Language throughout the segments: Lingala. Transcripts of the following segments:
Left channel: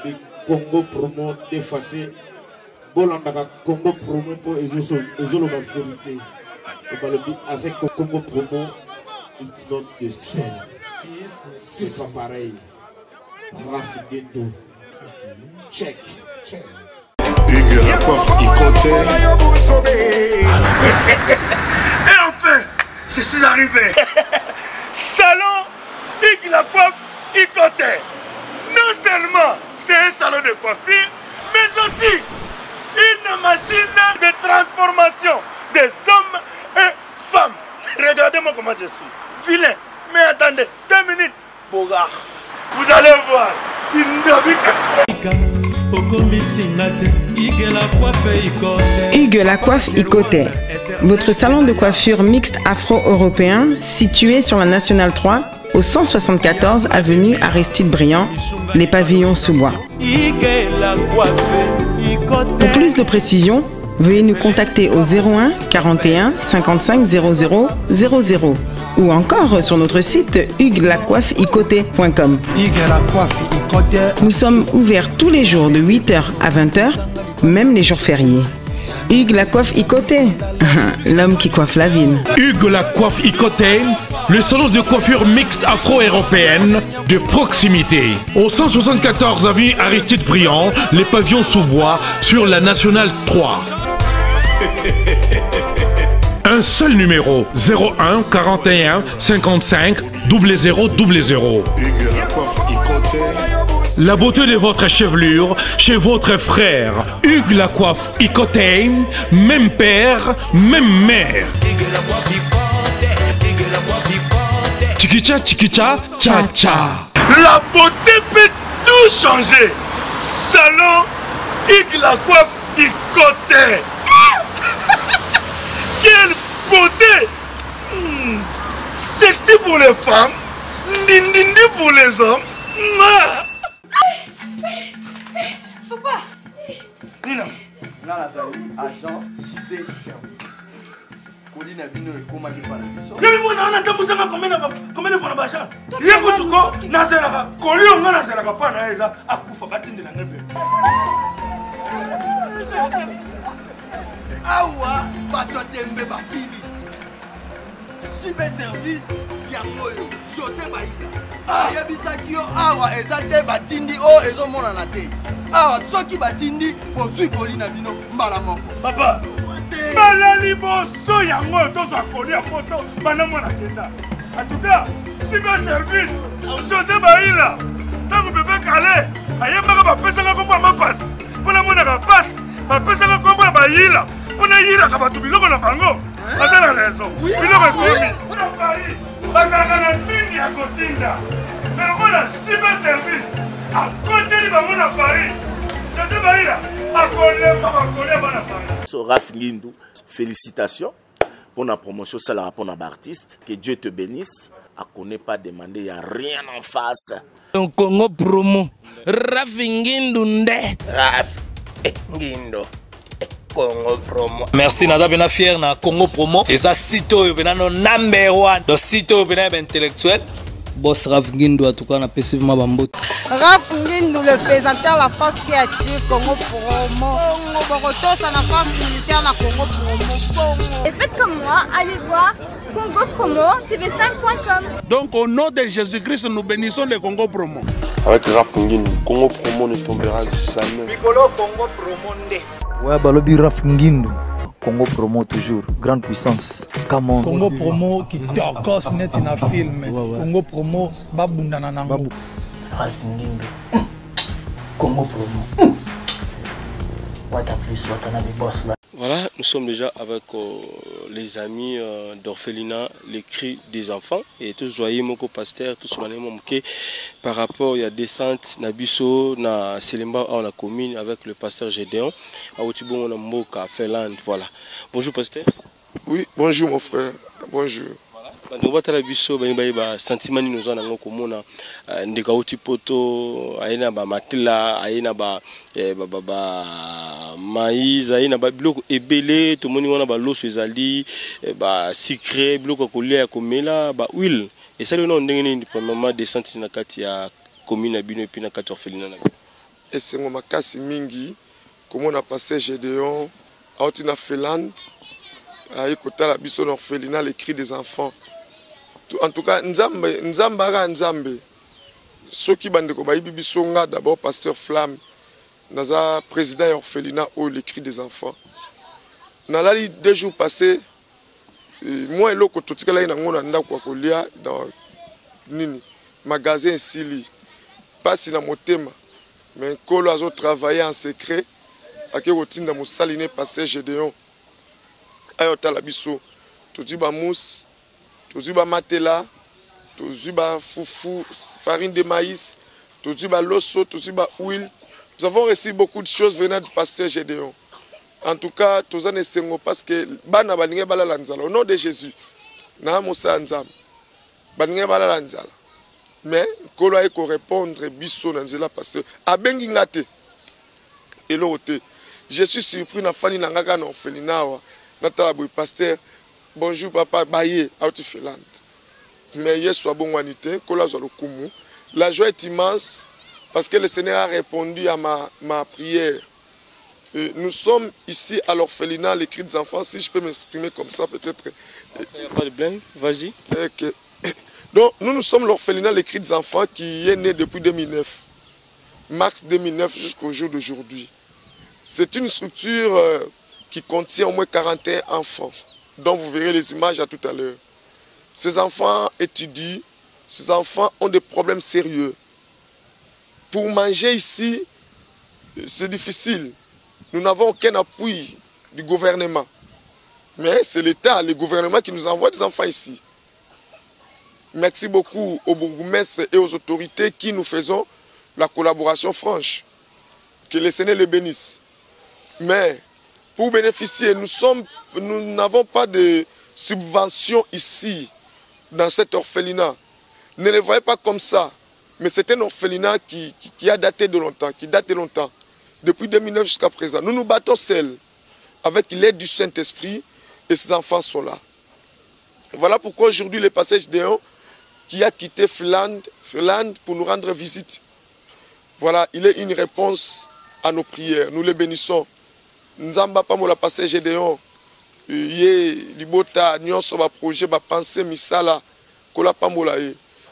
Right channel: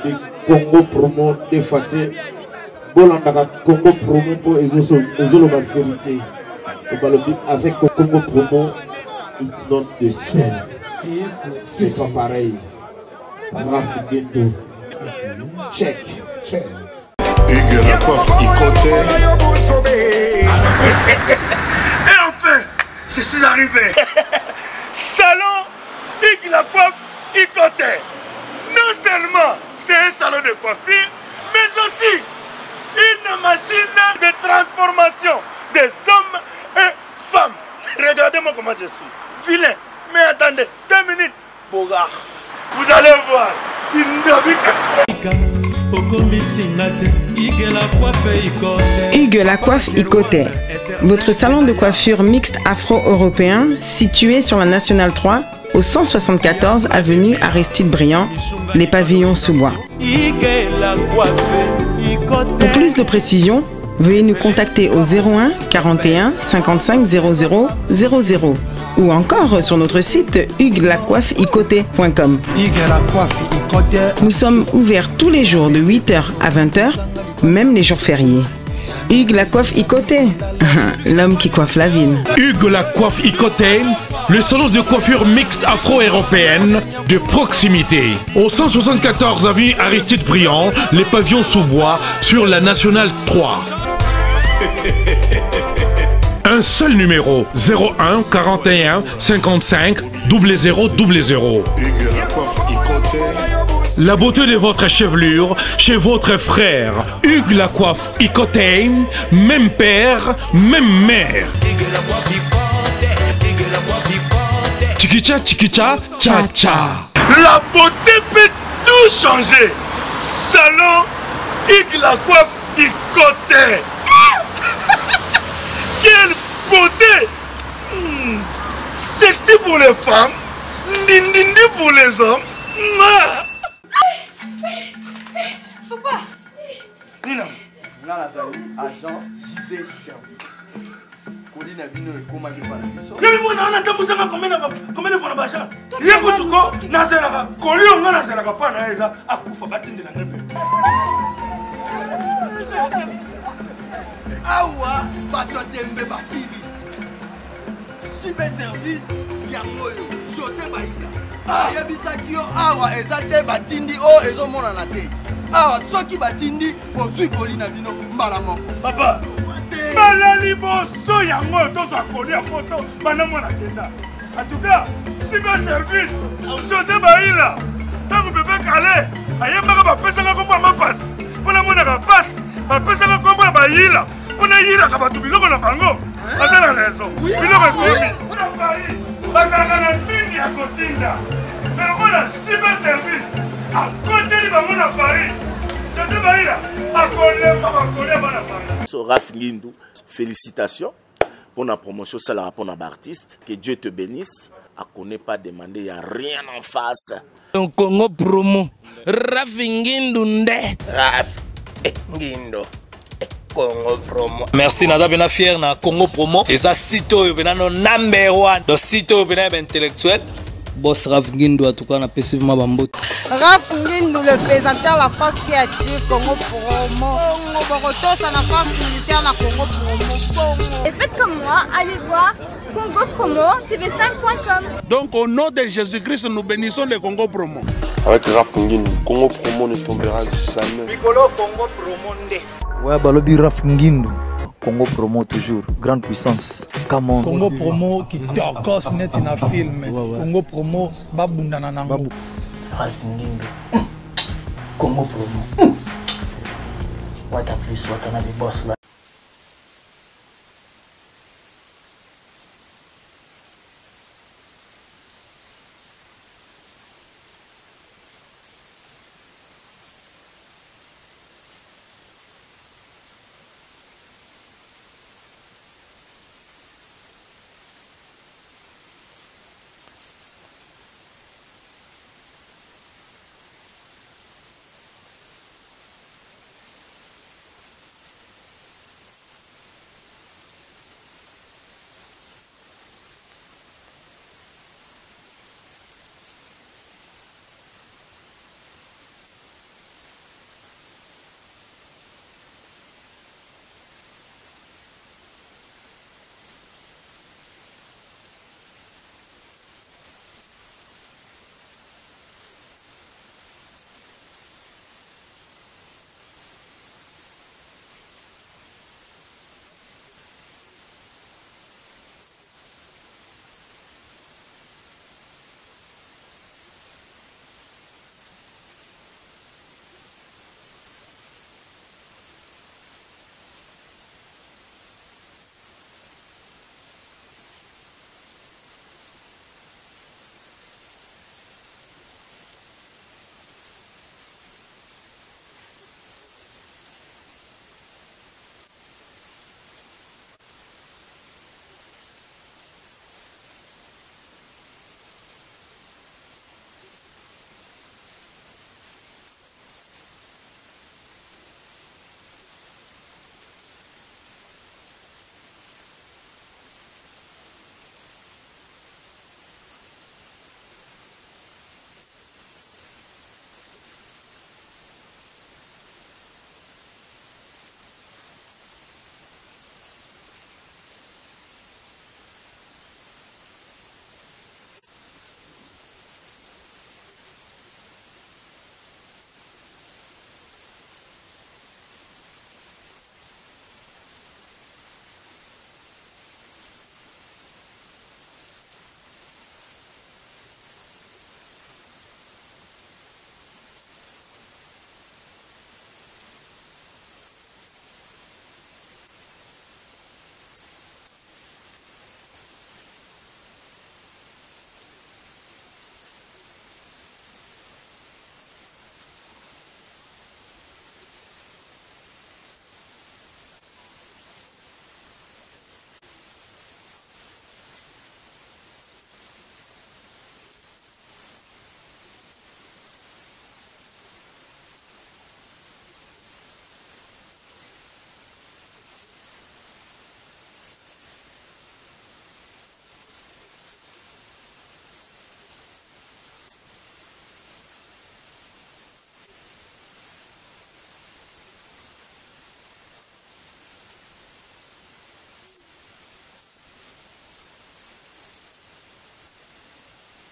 balobi Congo promo de fate bolandaka Congo promo pour ezoloba vérité balobi avec Congo promo it's not the same, c'est pas pareil. Rafi Guindo check Hugues la coiffe Ikoté. Et enfin je suis arrivé. Salon Hugues la coiffe Ikoté. Non seulement c'est un salon de coiffure, mais aussi une machine de transformation des hommes et femmes. Regardez-moi comment je suis. Vilain. Mais attendez, 2 minutes. Bogard. Vous allez voir. Hugues la coiffe Ikoté. Votre salon de coiffure mixte afro-européen situé sur la Nationale 3 au 174 avenue Aristide Briand, les pavillons sous bois. Pour plus de précisions, veuillez nous contacter au 01 41 55 00 00 ou encore sur notre site hugueslacoiffeikoté.com. Nous sommes ouverts tous les jours de 8h à 20h, même les jours fériés. Hugues la coiffe Ikoté, l'homme qui coiffe la ville. Hugues la coiffe Ikoté, le salon de coiffure mixte afro-européenne de proximité. Au 174 avenue Aristide Briand, les pavillons sous bois sur la Nationale 3. Un seul numéro, 01 41 55 00 00. La beauté de votre chevelure chez votre frère. Hugues la coiffe Ikoté, même père, même mère. Chikicha, chikicha, cha cha. La beauté peut tout changer. Salon Hugues la coiffe Ikoté. Quelle beauté! Sexy pour les femmes, ndindindi pour les hommes. Papa! Nina! Nga nazali agent JB Service. Colline Abino et Koma de Panabiso. Y'a mis mon anan tambusanga combien de fois na chance? Y'a tout ko nazeraka. Kolio nga nazeraka pa na eza akufa batinde na ngepe. Awa Batotembe Basili. JB Service Yangoyo José Baïda. Yabisaki yo awa ezate batindi o ezomona na te. Awa soki batindi bozui Colline Abino mbala moko. Papa. Malali boso yango tozwa kolia poto bana mwana kenda. En tout cas, JB Service José Baïda. Tango bébé calé, ayembaka bapesanga kombo ma passe. Pona mona ka passe, bapesanga kombo ya Baïda. On a yira kabatu biloko na bango. Ata la raison. Biloko ekomi. Pona Paris. Bazalaka na mingi ya kotinda. Mais voilà, JB Service. À côté de bango na Paris. Je sais pas là. À coller bana Paris. So Raf Guindo, félicitations pour la promotion ça la rapport à l'artiste. Que Dieu te bénisse. À connaît pas demander, il n'y a rien en face. Donc Congo promo. Raf Guindo nde. Raf Guindo. Congo promo. Merci nada bena fier na Congo promo. Et ça sito yo bena no number 1. Do sito yo bena intellectuel. Boss Raf Guindo en tout cas on a passivement bambote. Raf Guindo le présentateur la force créative Congo promo. Congo Boroto ça la force militaire na Congo promo. Et faites comme moi, allez voir Congo promo tv5.com. Donc au nom de Jésus-Christ nous bénissons le Congo promo. Avec Raf Guindo, Congo promo ne tombera jamais. Piccolo Congo promo nde. Ouais, balobi Raf Guindo. Congo promo toujours, grande puissance. Come on. Congo promo qui torcos net in a film. Congo promo babundana nango. Raf Guindo. Congo promo. What a plus, what a des boss là. Voilà, nous sommes déjà avec les amis d'Orphelinat, les cris des enfants. Et tous voyez mon pasteur, tous les par rapport il y a descente Nabiso, na Selemba, on a commune avec le pasteur Gédéon. À Otibon, on a Moka, Finlande, voilà. Bonjour pasteur. Oui, bonjour mon frère. Bonjour. Nous avons biso ba sentiment nous en avons komona ndeka otipoto aina ba matila aina ba maïs aina ba biloko ebele to moni wana ba loso ezali ba sucré biloko kolia komela ba huile et ça le nom ndenge ni premièrement descente na kati ya commune abino et puis na kati orphelinat. esengo makasi mingi komona pasteur Gédéon auti na Finlande ekotala biso na orphelinat les cris des enfants. En tout cas nzambe ara nzambe soki bandeko bayibi biso nga d'abord pasteur Flamme naza président ya orphelinat au les cris des enfants. Nalali 2 jours passés moi eloko totikala na ngona ndako kolia dans nini magasin sili pasi na motema mais kolo azo travailler en secret ake kotinda mosaline pasteur Gédéon ayo tala biso todi ba mousse todi ba matela todi ba foufou farine de maïs todi ba loso todi ba huile. Nous avons reçu beaucoup de choses venant du pasteur Gédéon. En tout cas, tous en essayons parce que bana balinge balala nzala au nom de Jésus. Na mosa nzam. Balinge balala nzala. Mais kolo ay ko répondre biso na nzela pasteur abengi ngate. Elote. Je suis surpris na fani na ngaka na orphelinat wa. Na tala boy pasteur. Bonjour papa baye out Finlande. Mais yesu abongwanité kolo zo lokumu. La joie est immense parce que le Seigneur a répondu à ma prière. Nous sommes ici à l'orphelinat, les cris des enfants, si je peux m'exprimer comme ça peut-être. Il n'y a pas de blême, vas-y. Okay. Donc nous sommes l'orphelinat, les cris des enfants qui est né depuis 2009. Mars 2009 jusqu'au jour d'aujourd'hui. C'est une structure qui contient au moins 41 enfants, dont vous verrez les images à tout à l'heure. Ces enfants étudient, ces enfants ont des problèmes sérieux. Pour manger ici, c'est difficile. Nous n'avons aucun appui du gouvernement. Mais c'est l'État, le gouvernement qui nous envoie des enfants ici. Merci beaucoup aux bourgmestres et aux autorités qui nous faisons la collaboration franche. Que le Seigneur les bénisse. Mais pour bénéficier, nous n'avons pas de subvention ici, dans cet orphelinat. Ne les voyez pas comme ça. Mais c'est un orphelinat qui a daté de longtemps, qui date de longtemps. Depuis 2009 jusqu'à présent. Nous nous battons seuls avec l'aide du Saint-Esprit et ces enfants sont là. Voilà pourquoi aujourd'hui le pasteur Gédéon qui a quitté Finlande pour nous rendre visite. Voilà, il est une réponse à nos prières. Nous les bénissons. Nzamba pa mola pasteur Gédéon yé libota nyonso ba projet ba pensée misala kola pa mola.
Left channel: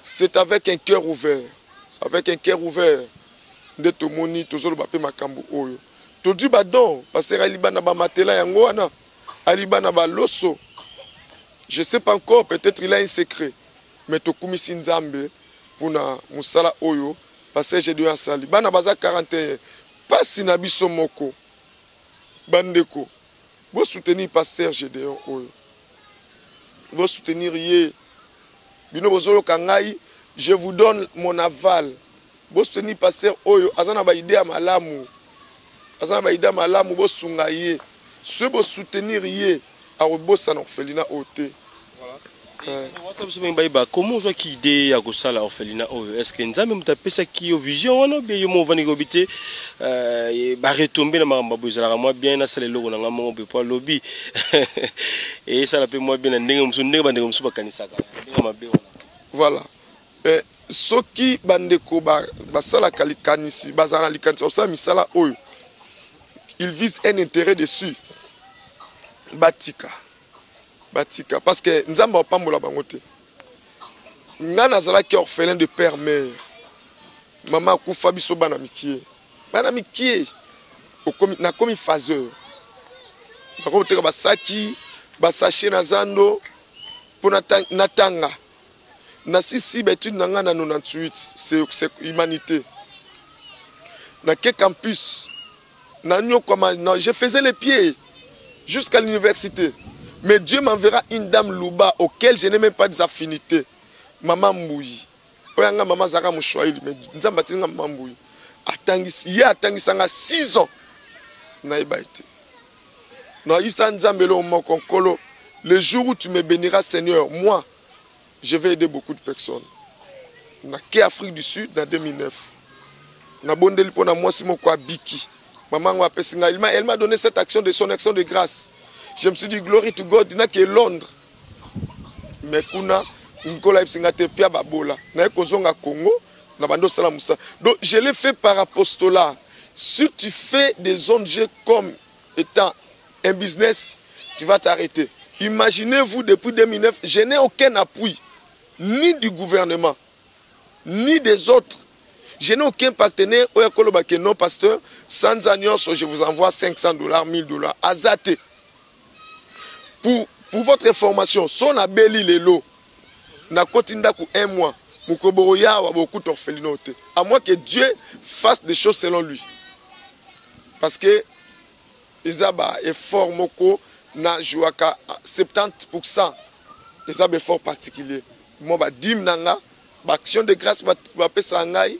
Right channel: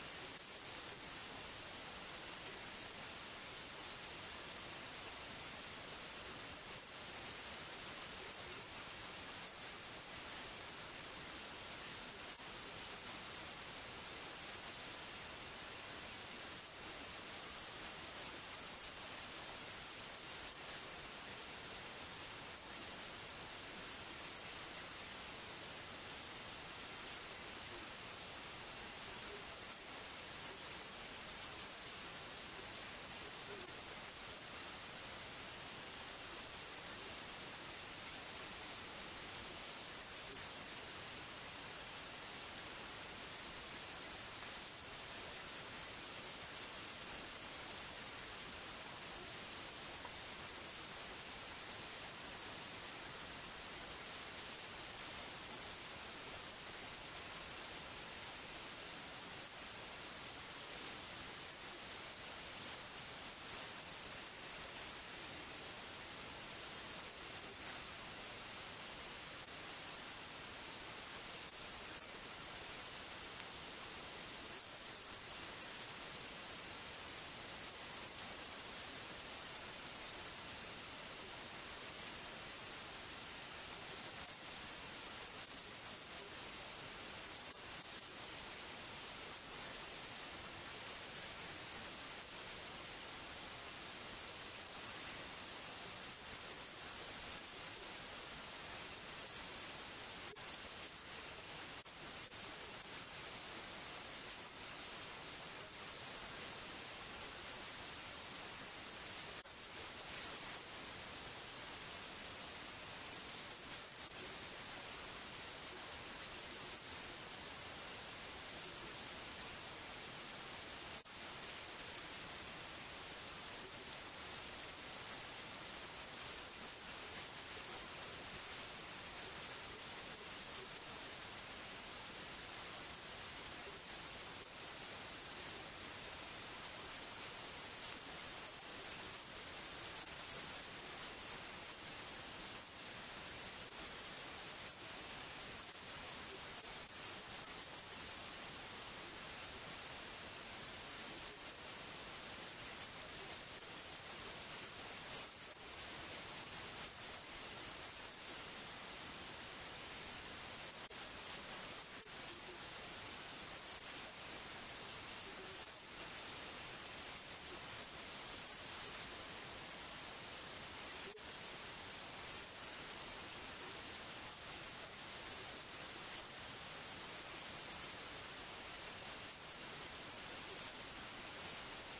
C'est avec un cœur ouvert. C'est avec un cœur ouvert. De tomoni tozolo bape makambo oyo todi badon pasteur alibana ba matela yango wana alibana ba loso. Je sais pas encore, peut-être il a un secret, mais tokumisi nzambe puna musala oyo pasteur Gédéon asali bana baza 41 pasi na biso moko bandeko bo soutenir pasteur Gédéon oyo bo soutenir ye bino bozolo kangai. Je vous donne mon aval. Bo soutenir pasteur oyo azana ba idée malamu. Azana ba idée malamu bo sunga ye. Ce bo soutenir ye a obosa na orphelinat oté. Comment on voit qui idée à gossa la orphelinat oyo? Est-ce que nzambe mutapesa ki yo vision wana be yo mo vani gobité ba retomber na mamba bozala moi bien na sala logo na ngamo be pas lobby. Et ça la pe moi bien ndenge musu ndenge ba ndenge musu ba kanisa ka. Voilà. Soki bandeko basala kalikanisi bazana likanisi osala misala oyo il vise un intérêt dessus batika parce que nzamba opambola bango te nga nazalaki orphelin de père mère mama akufa biso bana mikie na komi phaseur bakoteka basaki basache na zando pour natanga. Na sisi betude nanga na 98 c'est humanité. Na ke campus na nyokoma je faisais les pieds jusqu'à l'université. Mais Dieu m'enverra une dame Louba auquel je n'ai même pas des affinités. Maman Mbouyi. Oyanga maman Zara Mouchouaïli mais nzamba tinga maman Mbouyi. Atangisanga 6 ans. Na ibaité. Na isa nzambelo mokonkolo. Le jour où tu me béniras Seigneur, moi je vais aider beaucoup de personnes. Na ke Afrique du Sud dans 2009. Na bondeli pona moi si moko abiki. Maman wa pesinga elle m'a donné cette action de son action de grâce. Je me suis dit glory to God na ke Londres. Mais kuna nkola pesinga te pia babola. Na kozonga Congo na bando sala musa. Donc je l'ai fait par apostolat. Si tu fais des ONG comme étant un business, tu vas t'arrêter. Imaginez-vous, depuis 2009, je n'ai aucun appui, ni du gouvernement, ni des autres. Je n'ai aucun partenaire. Non, pasteur, sans annonce, je vous envoie $500, $1000. Azate. Pour votre information, son abeli lelo, na kotinda ku 1 mois, mukoboroya wa beaucoup d'orphelinote. À moins que Dieu fasse des choses selon lui. Parce que Isaba est fort moko na jouaka 70%. Isaba est fort particulier. Moi ba dim nanga, ba action de grâce ba pesa ngai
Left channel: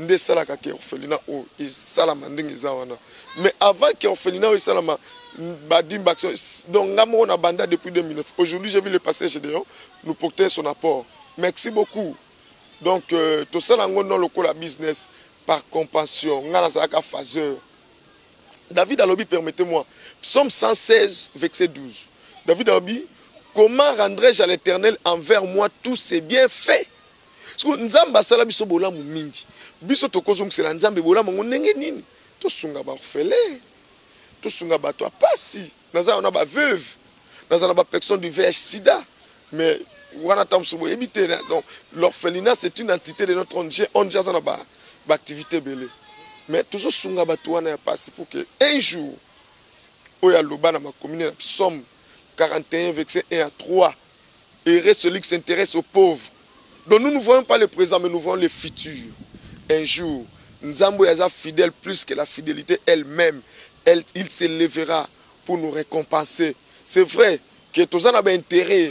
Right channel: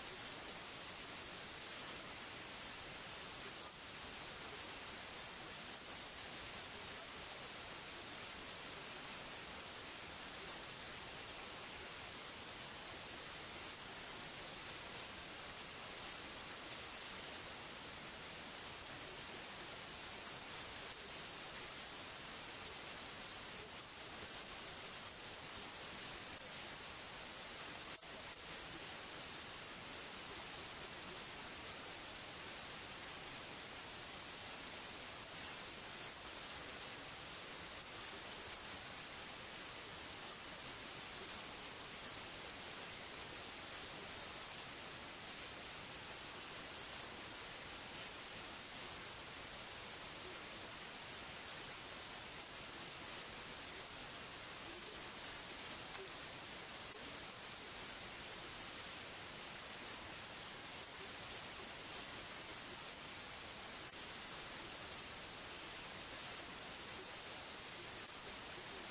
nde sala ka ke orphelinat o isala mandingi zawana. Mais avant que orphelinat o isala ma ba dim ba action donc ngamo na banda depuis 2009. Aujourd'hui j'ai vu le passage Gédéon nous porter son apport. Merci beaucoup. Donc tout ça nango non lokola business par compassion ngana sala ka phaseur. David Alobi, permettez-moi, Psaume 116, verset 12. David Alobi, comment rendrai-je à l'Éternel envers moi tous ses bienfaits? Parce que Nzamba sala biso bola mu mingi. Biso tokozong sela Nzambe bola mo ndenge nini? To sunga ba orphelin. To sunga ba to pasi. Naza on a ba veuve. Naza na ba personne du VIH sida. Mais wana tam so éviter donc l'orphelinat c'est une entité de notre ONG. On dit ça na ba activité belé. Mais toujours sunga batouana ya passé pour que un jour oya loba na ma commune Psaume 41 verset 1 à 3 et celui qui s'intéresse aux pauvres. Donc nous ne voyons pas le présent mais nous voyons le futur. Un jour Nzambo yaza fidèle plus que la fidélité elle-même, il s'élèvera pour nous récompenser. C'est vrai que tous en a intérêt,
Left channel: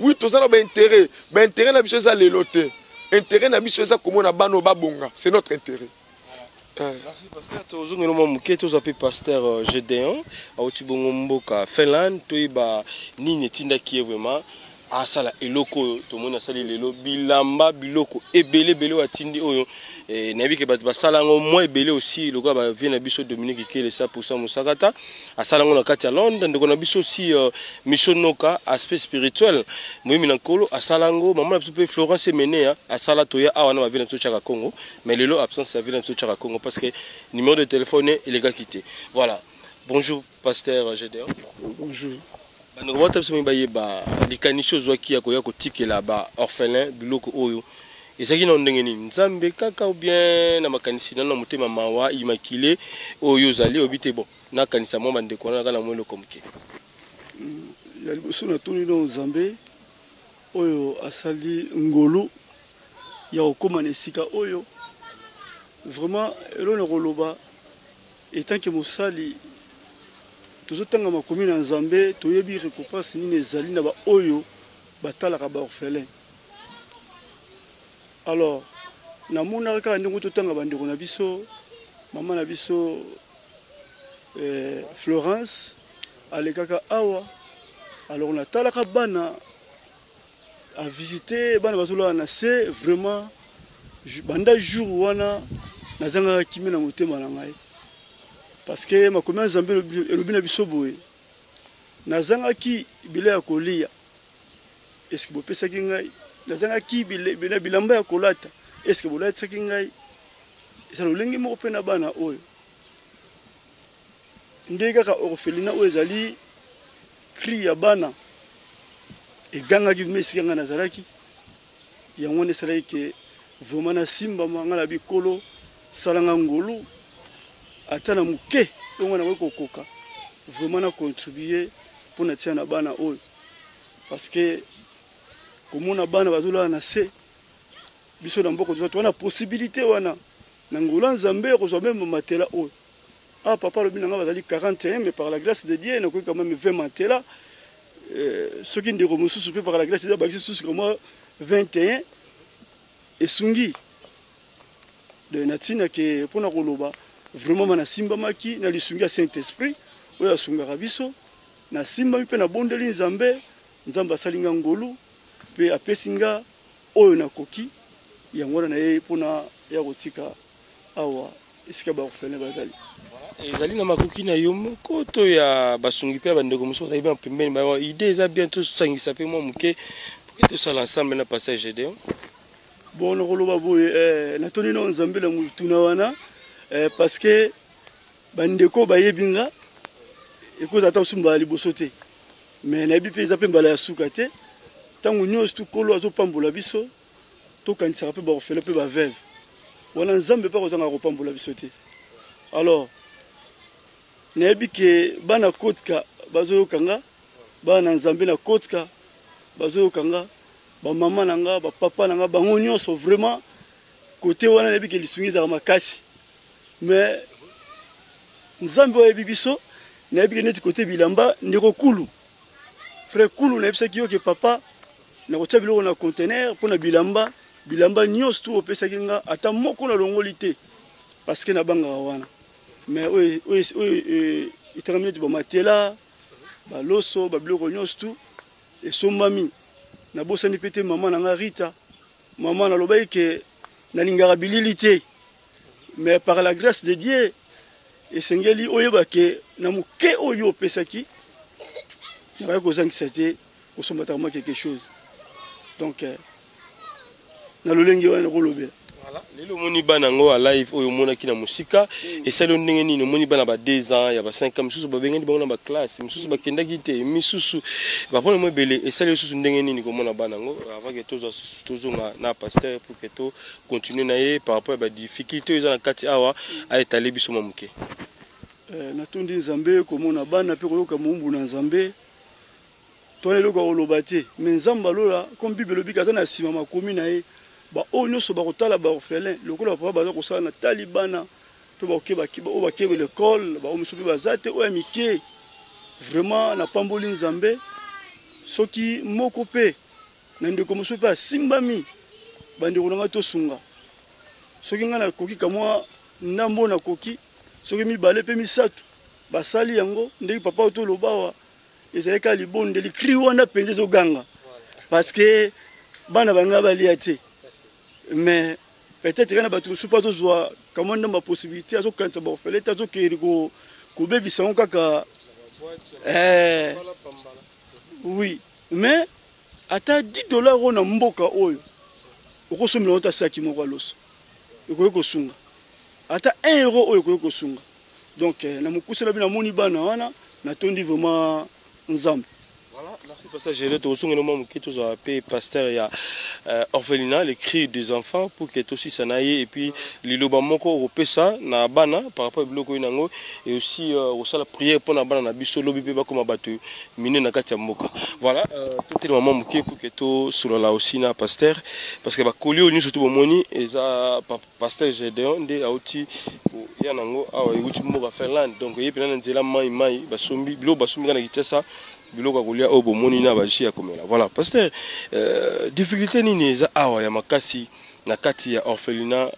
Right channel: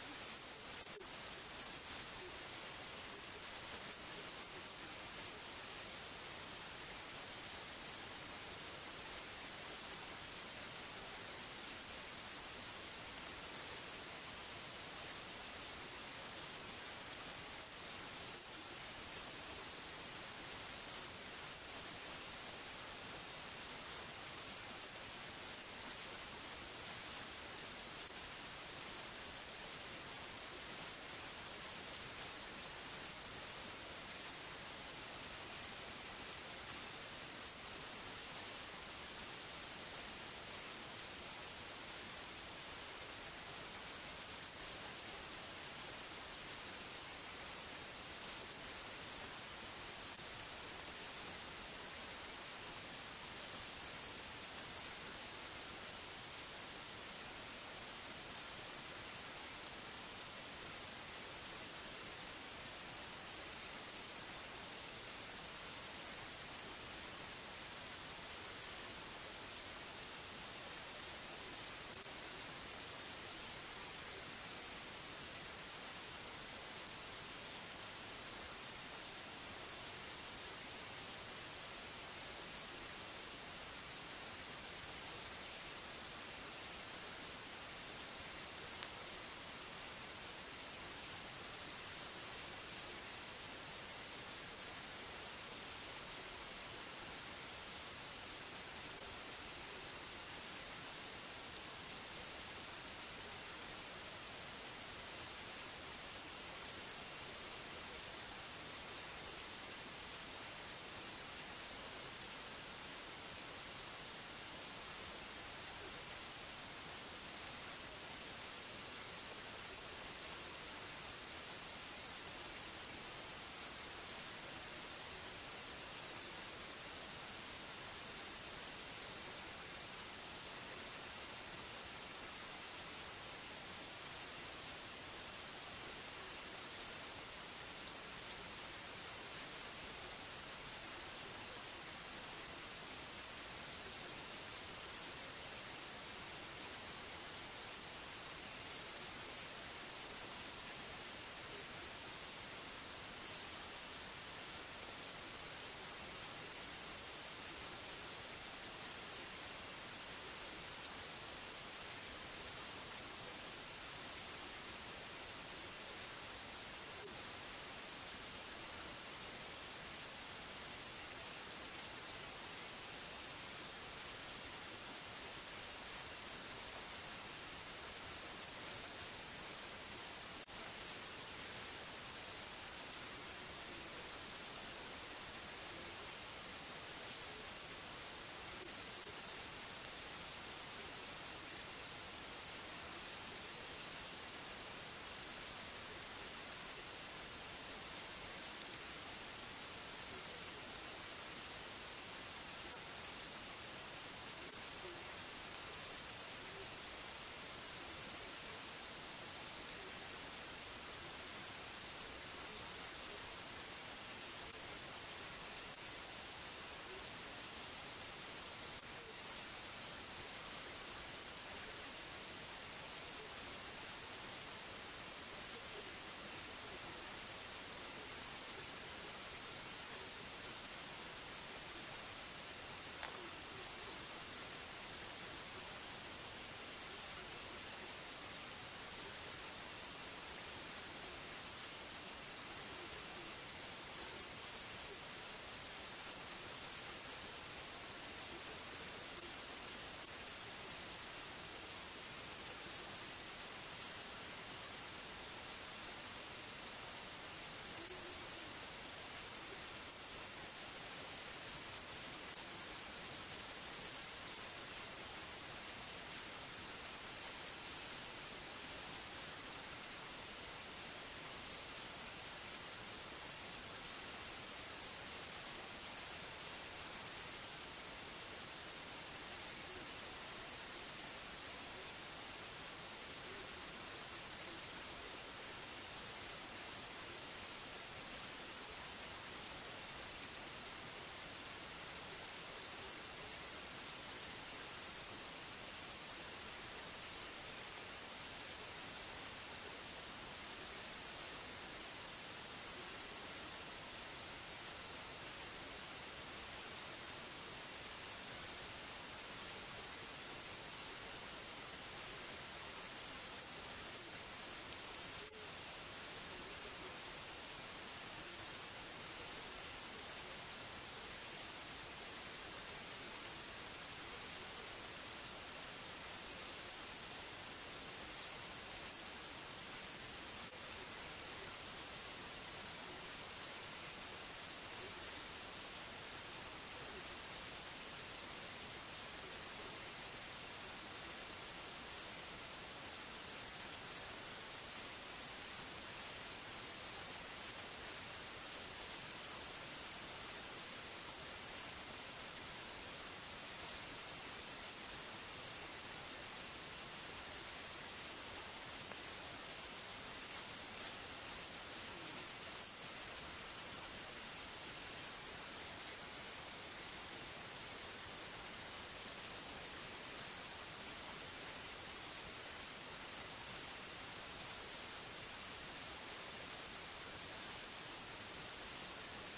oui tous en a intérêt, mais intérêt na biso za leloté. Intérêt na biso za comme na bano babonga, c'est notre intérêt. Merci pasteur. Tozongi no momuke tozapi pasteur Gédéon auti bongo mboka Finlande toyiba nini tinda ki vraiment asala eloko to mona sali lelo bilamba biloko ebele bele watindi oyo nabi ke bat basala ngo mo ebele aussi loka ba vient na biso Dominique Kele 100% musakata asala ngo na kati ya Londres ndeko na biso aussi mission noka aspect spirituel moyimi na nkolo asala ngo maman na biso pe Florence Menea asala toya awa na ba vient na tochaka Congo mais lelo absence ya vient na tochaka Congo parce que numéro de téléphone il est quitté. Voilà. Bonjour pasteur Gédéon. Bonjour. Nous avons dit que les canichos qui ont été orphelins biloko oyo. Et ça qui n'a pas été nzambe kaka ou bien na makanisi na motema mawa immaculé oyo zali obité bon na kanisa mo bande ko na kala mo le komke. Ya liboso na tuni no nzambe oyo asali ngolo ya okoma na sika oyo vraiment elona koloba etant que mosali tozotanga makomi na nzambe toyebi récompense nini ezali na ba oyo batalaka ba orphelin. Alors namonaka kaka ndenge totanga bandeko na biso mama na biso Florence alekaka awa. Alors natalaka bana à visiter bana bazoloa na se vraiment banda jour wana nazanga kimi na motema na ngai. Parce que ma commune Zambé elobi na biso boye nazangaki bilei ya kolia est-ce que bopesaki ngai nazangaki bilamba ya kolata est-ce que bolatisaki ngai eza lolenge moko mpe na bana oyo nde kaka orphelinat oyo ezali cri ya bana egangaki vima esika ngai nazalaki yango wana esalaki ke vraiment nasimbama ngai na bikolo salanga ngolu ata na muke ongo na kokoka vraiment na contribuer pour na tia na bana oyo parce que komona bana bazola na se biso na mboko to na possibilité wana na ngola nzambe ko zo même matela oyo ah papa le binanga bazali 41 mais par la grâce de Dieu na ko quand même 20 matela ce qui ndeko mosusu pe par la grâce de Dieu ba susu comme moi 21 et sungi de natina ke pona koloba vraiment mana simba maki na lisungi ya Saint-Esprit oya sungaka biso na simba mpe na bondeli nzambe nzamba salinga ngolu pe apesinga oyo na koki yango na ye pona ya kotika awa esika ba orphelin bazali ezali na makoki na yo moko to ya basungi pe bandeko mosusu bazali bien pembeni ba idée eza bientôt sangisa pe mo muke to sala ensemble na passage Gédéon bon koloba boye na toni no nzambe la mutuna wana parce que bandeko bayebi nga ekozala ata mosusu mbala liboso te mais nayebi mpe eza mpe mbala ya suka te ntango nyonso tukolo azopambola biso tokanisaka mpe baorphelin mpe baveve wana nzambe mpe akozanga kopambola biso te alors nayebi ke bana kotika bazoyoka nga bana nzambe na kotika bazoyoka nga bamama na nga bapapa na nga bango nyonso vraiment kote wana nayebi ke lisungi ezaka makasi mais nzambe oyo yebi biso nayebi ke neti kote bilamba ndeko kulu frère kulu nayebisaki yo ke papa nakotia biloko na conteneur mpona bilamba nyonso tu opesaki nga ata moko na longoli te parce que nabangaka wana mais oyo etakami neti bamatela baloso babiloko nyonso tu esombami nabosani mpe te mama na nga Rita mama nalobaki ke nalingaka bilili te mais par la grâce de Dieu esengeli oyeba ke na moke oyo opesaki nakaki kozangisa te kosombataka mwa quelque chose donc na lolenge wana nakolobela lelo omoni bana yango alive oyo omonaki na mosika esali ndenge nini omoni bana ba 2 ans ya ba 5 ans misusu babengani bango na baklasse misusu bakendaki te misusu bapona mo ebele esali lisusu ndenge nini komona bana yango avant ke tozonga na pasteur pour que to continue na ye par rapport à badifficulté oyo eza na kati awa aetale biso mwa moke natondi nzambe komona bana mpe koyoka mombu na nzambe twana eloko koloba te me nzambe alola comme bible elobiki aza na nsima makomi na ye oyo nyonso bakotala baorphelin lokola bapapa baza kosala na tali bana mpe oyo bakebe lekole bao mosusu mpe baza te oyo ya mike vraiment napamboli nzambe soki moko mpe na ndeko mosusu mpe asimbami bandeko na ngai tosunga soki ngai nakoki kamwa ndambo nakoki soki mibale mpe misato basali yango ndenge papa oyo toloba awa ezalaki kaka libondeli cri wana mpenza ezoganga parce que bana bangai balia te mais peut-être kana bato mosusu mpe azozwa kamwa ndambo ya possibilité azokanisa baorphelin te azokende kobebisa yango kaka oui mais ata 10 dollars oyo na mboka oyo okosomela ngo ta saki moko aloso ekoki kosunga ata 1 euro oyo ekoki kosunga donc na mokuse bino namoni bana wana natondi vraiment nzambe. Pasteur Gélé, tu as un pasteur, il y a orphelinat, les cris des enfants, pour que tu aussi ça n'aille, et puis l'Iloba Moko, au Pessa, na Bana, par rapport au bloc Inango, et aussi la prière pour la Bana, na Bisso, Lobi Peba, comme abattu, miné na Katia Moka. Voilà, tout est le moment Moké pour que tu sois là aussi, na pasteur, parce que va coller au niveau surtout au moni, et ça, pasteur Gédéon, des Aouti, Yanango, ah, et Outi Moka Ferland, donc il y a plein de zéla maï, basombi, bilo, basombi, na Kitessa. Voilà, pasteur, difficulté nini eza awa ya makasi na kati ya orphelinat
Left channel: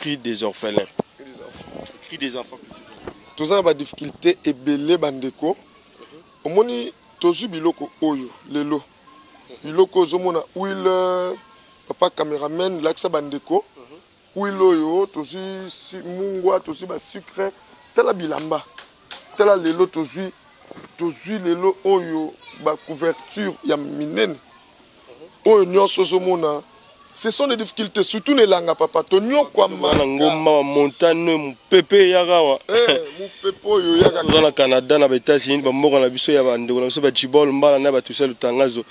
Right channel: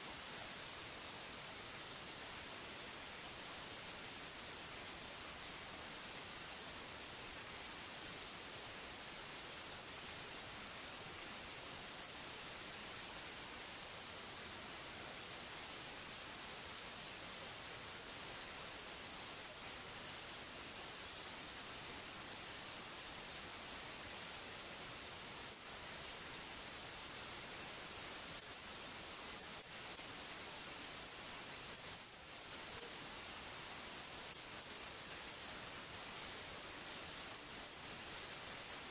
cri des orphelins. Cri des enfants. Tout ça ba difficulté ebele bandeko. Omoni tozu biloko oyo lelo. Biloko zomona huile papa cameraman laksa bandeko. Huile oyo tozu mungwa tozu ba sucre tala bilamba. Tala lelo tozu lelo oyo ba couverture ya minene oyo nyonso zomona ce sont des difficultés surtout ne langa papa to nyokwa na ngoma montagne pepe yagawa pepe oyo yaga na Canada na États-Unis ba moko na biso ya bandeko na biso ba jibol mbala na ba tusa lutangazo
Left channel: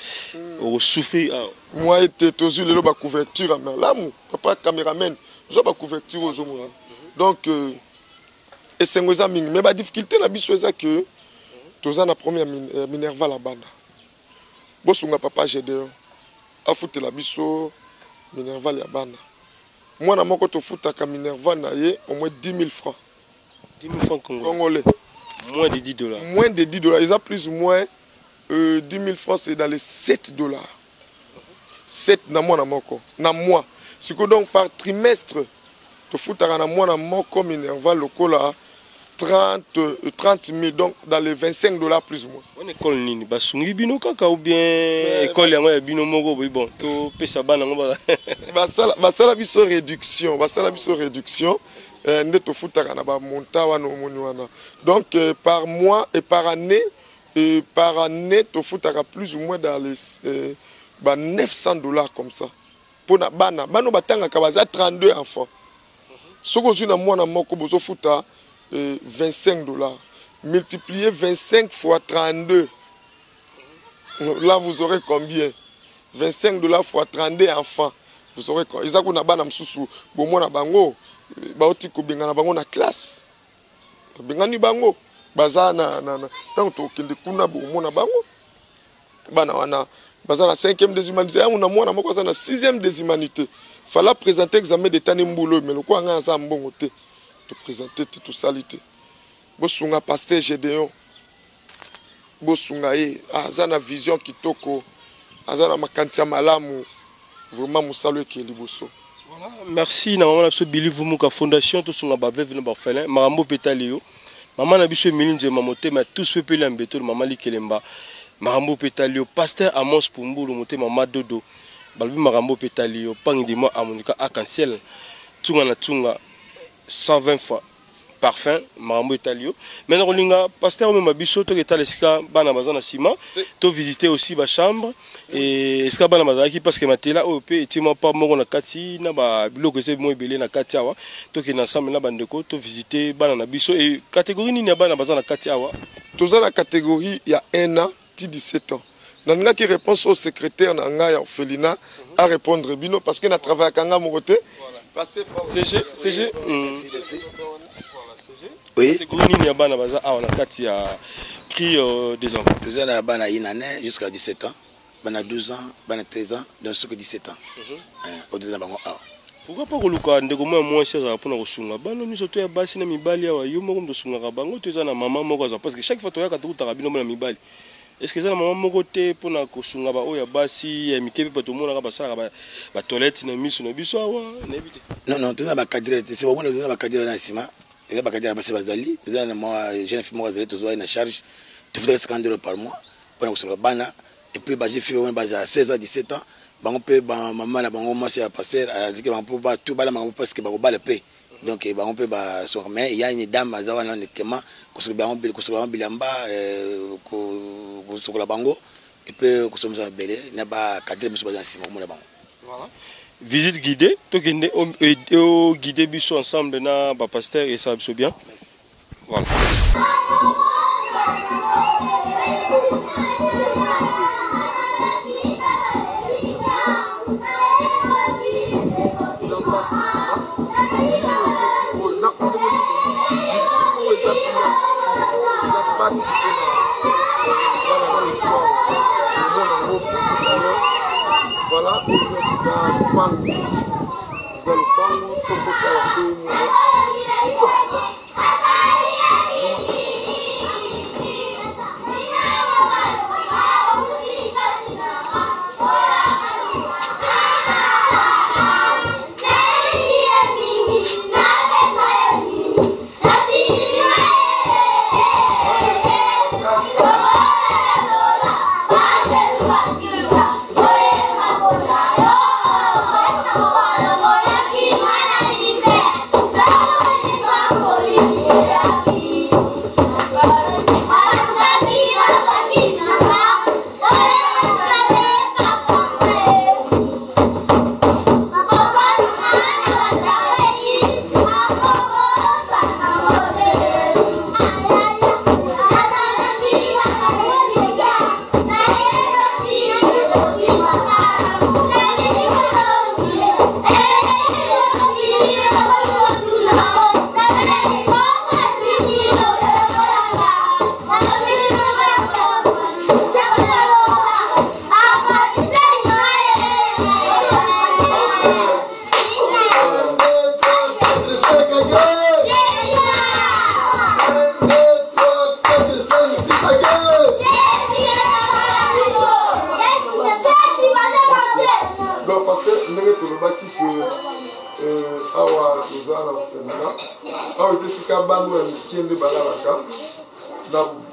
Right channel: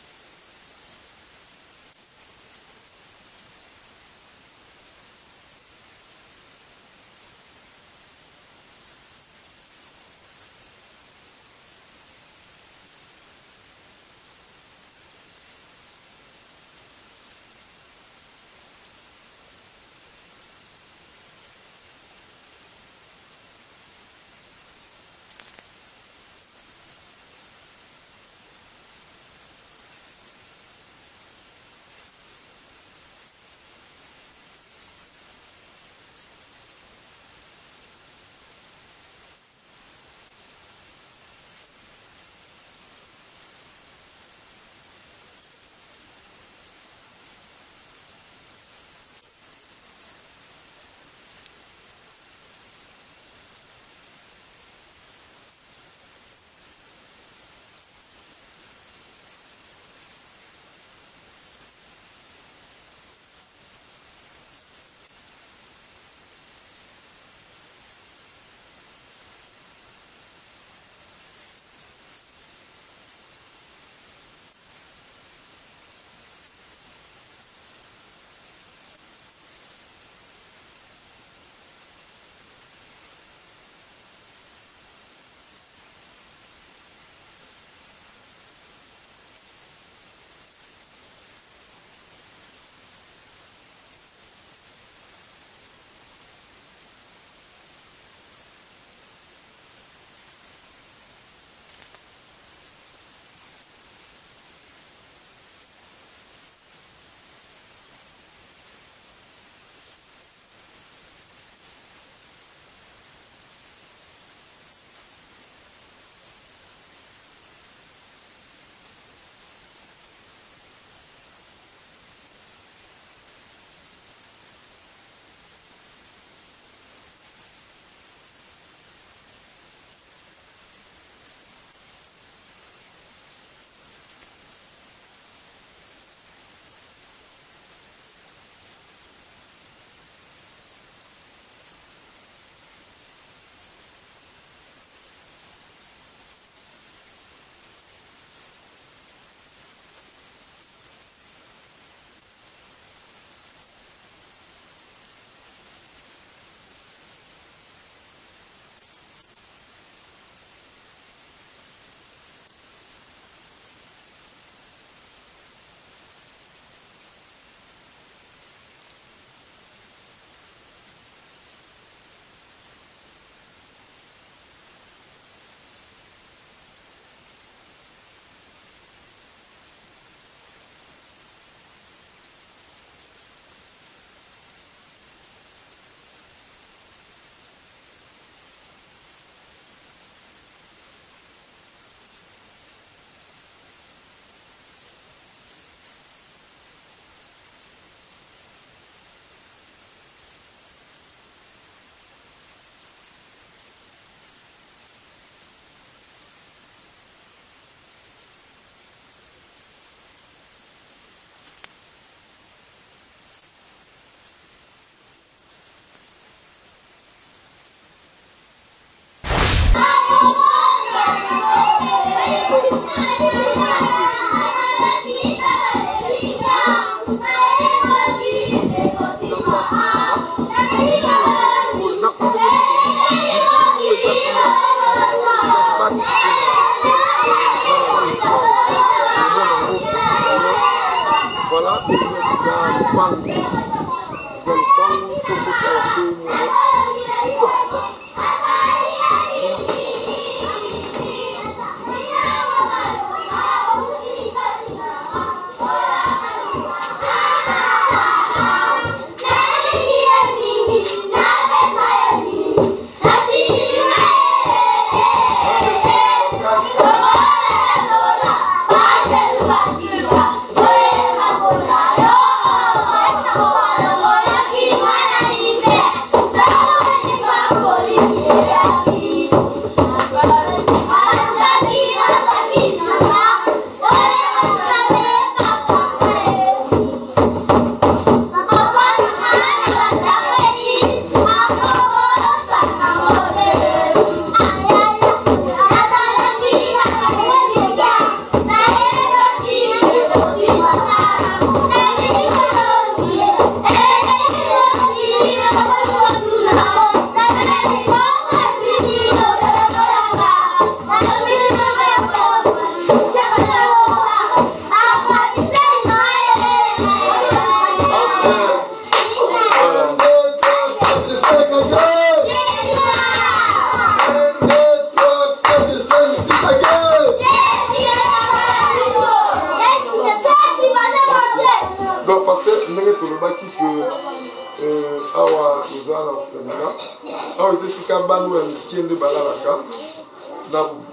o souffrir moi était tozu lelo ba couverture na lamu papa cameraman zo ba couverture ozomona donc esengo za mingi mais ba difficulté na biso eza que toza na première Minerva la banda bosunga papa Gédéon afutela biso Minerva la banda mwana moko tofutaka Minerva na ye au moins 10 000 francs 10 000 francs congolais moins de 10 dollars moins de 10 dollars ils ont plus ou moins 10 000 francs c'est dans les 7 dollars 7 na mwana moko na mois c'est que donc par trimestre tofutaka na mwana moko Minerva lokola 30 000, donc dans les 25 dollars plus ou moins. On école nini basungi bino kaka ou bien école yango ya bino moko bon to pesa bana ngo basala biso réduction nde tofutaka na ba monta wana omoni wana donc par mois et par année tofutaka plus ou moins dans les 900 dollars comme ça pour na bana batanga ka baza 32 enfants Ce que je suis 25 $. Multipliez 25 fois 32. Là, vous aurez combien? 25 $ fois 32 enfants. Vous aurez combien? Ils ont un sous bon bango. Baotiko bengana bango na classe. Bengani bango. Bazana tant que kuna bon bango. Bana wana bazana 5e des humanités. On a moi na moko na 6e des humanités. Fallait présenter examen d'état nimbulo mais le quoi nga za mbongo te. Te présenter tout salité. Bosunga pasteur Gédéon. Bosunga azana vision kitoko. Azana makantia malamu. Vraiment musalo ki liboso. Merci na maman na Billy Vumuka Fondation tout sunga ba veve na ba orphelin Marambo Petalio. Maman na biso Milinje Mamote mais tous peuple ambeto maman Likelemba. Marambo Petalio pasteur Amos Pumbulu moté maman Dodo. Balbi Marambo Petalio pangdimo amonika arc-en-ciel. Tunga na tunga 120 fois. Parfum, Marambo Italio. Maintenant, on a pasteur même biso to eta lesika bana bazana sima. To visiter aussi ba chambre et esika bana bazaki parce que matela OP etima pas moko na kati na ba biloko se mo ebele na kati awa. To ki na ensemble na bandeko to visiter bana na biso et catégorie nini ya bana bazana kati awa. Toza la catégorie il y a 1 an, 17 ans. Nanga qui réponse au secrétaire nanga ya orphelinat à répondre bino parce que na travail kanga mo côté. CG oui. Catégorie ya bana baza awa na kati ya cri des enfants. Nous avons bana inane jusqu'à 17 ans, bana 12 ans, bana 13 ans, dans ce que 17 ans. Au-delà bango awa. Pourquoi pas koluka ndeko moi cher za pona kosunga bana miso to ya basi na mibali awa yo moko mtosunga bango to za na maman moko za parce que chaque fois to ya katuta kabino na mibali. Est-ce que ça na maman moko te pona kosunga ba oya basi ya mikepe pa to mona ka basala ba toilette na miso na biso awa na ebite. Non, tu na ba cadre, c'est bon on a ba cadre na sima. Il y a des gens qui sont allés, il y a des gens qui sont allés, ils ont une charge, tu fais 50 € par mois, pour que bana et puis j'ai fait à 16 ans, 17 ans, on peut maman la bango moi c'est passer à dire qu'on peut pas tout bala parce que on va le payer. Donc on peut sur mais il y a une dame à zawana nekema ko bilamba ko la bango et puis ko somza belé na ba cadre muso bazana sima mo na bango. Voilà. Visite guidée, tout guider biso ensemble na ba pasteur et ça biso bien. Voilà. Voilà, pour nous, c'est le pango. C'est le pango, pour nous,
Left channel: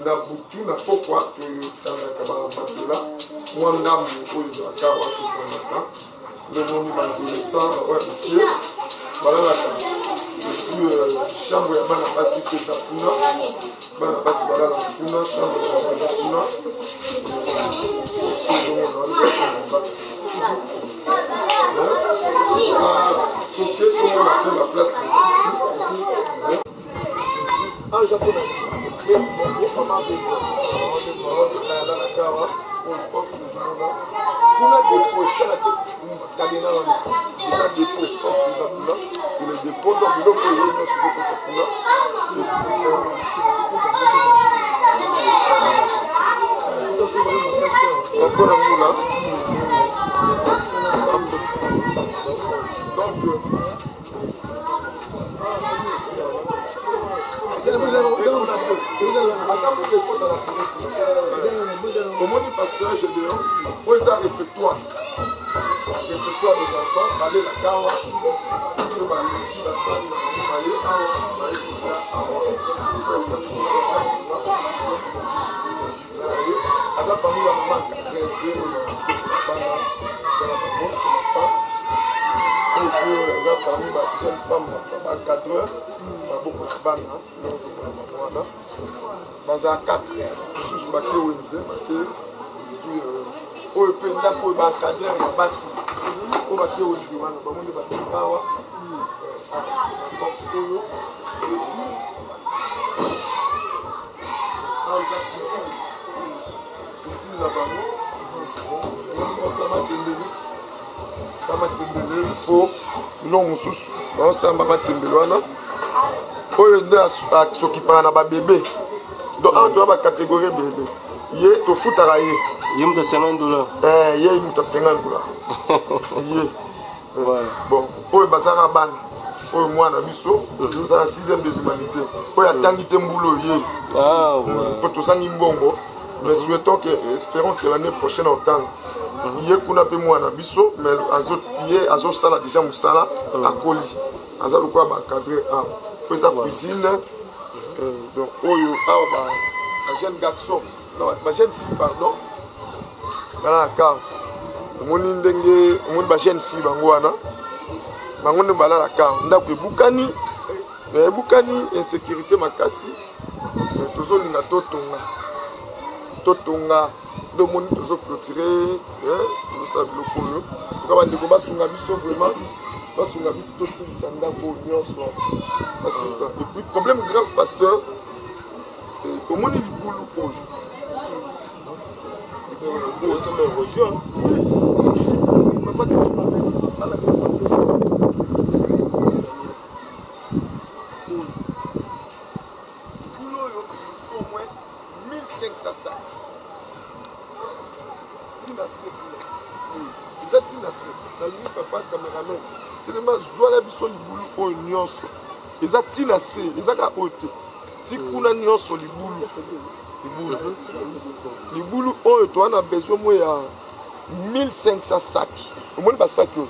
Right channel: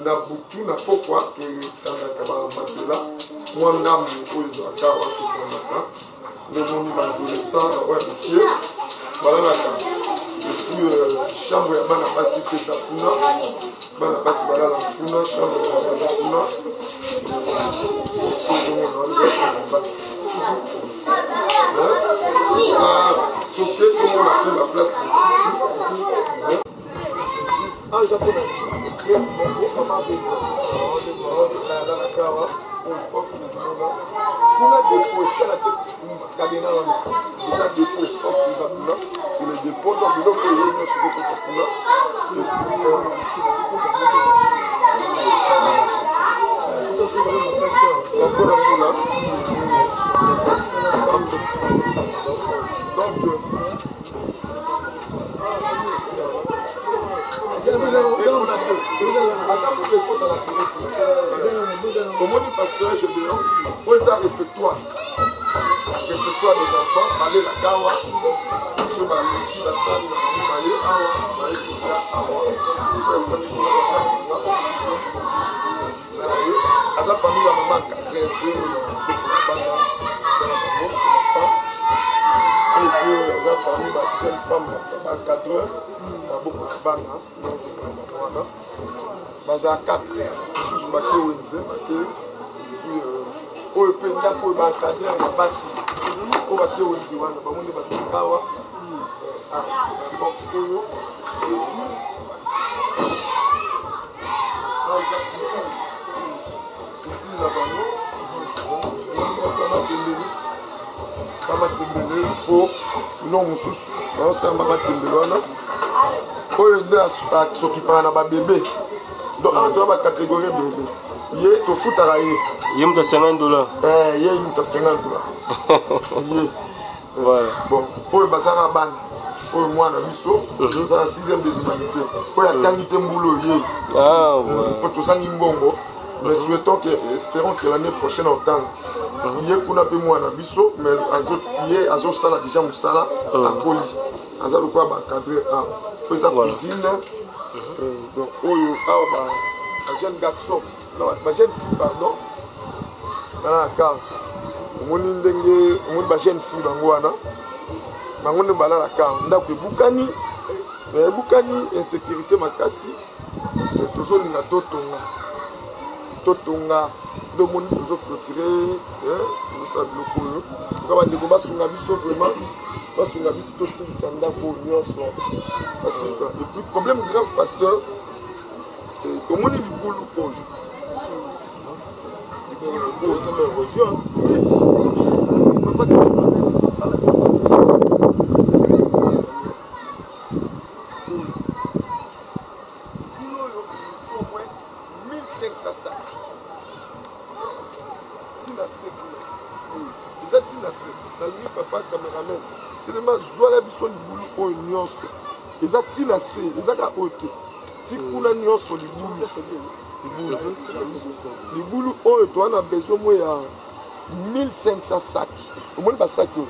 na butu na pokwa to tanga kaba matela mwanda mkozi akawa tukonaka le moni adolescent ouais monsieur balala ka puis chambre ya bana basi pesa kuna bana basi balala kuna chambre ya bana kuna toke tomona mpe baplace mosusu en japonais mama na kawa kuna depo esika tie kalena wana eza depo forte eza kuna c'est le dépôt donc biloko oyo nyonso ezokota kuna mpona muna donc omoni pasteur gédéon oyo eza réfectoire des enfants bale na kawa so balesi basali baye awa bayekoya awa aza parmi la mama 4 bana ezala bango c'est la femme oyo eza parmi bajeune femme bacadreur baboko na bana nozomona bango wana baza 4 mosusu bake wenze bake oyo mpe ndako oyo bacadreur ya basi oyo bake wenze wana bamoni bazali awa oyo pisine na bango bamatembele fo biloko mosusu baosamba matembele wana oyo nde asokipaka na babebe donc awa toya bacatégorie bebe ye tofutaka ye ye mutu $50 ye mutu $50 ye bon oyo bazaka bana oyo mwana biso eza na 6e des humanités oyo atangi te mbulu ye mpo tosangi mbongo mais souhaitons que espérons que l'année prochaine autant ye kuna mpe mwana biso mais ye azosala déjà mosala akoli aza lokola bacadre awa po eza cuisine donc oyo awa bajeune garçon bajeune fille pardon bana na kar omoni ndenge omoni bajeune fille bango wana bango nde bala na kar ndako ebukani mais ebukani insécurité makasi mais tozolinga totonga ndomoni tozoclotire tozosala biloko oyo toka bandeko basunga biso vraiment basunga biso tosilisa ndako nyonso basisa et puis problème grave pasteur omoni libulu oyo eza ntina se nalingi papa cameraman telema zwala biso libulu oyo nyonso eza ntina se ezaka oyo te ti kuna nyonso libulu oyo toa na besoin mo ya 1500 sac omoni basaki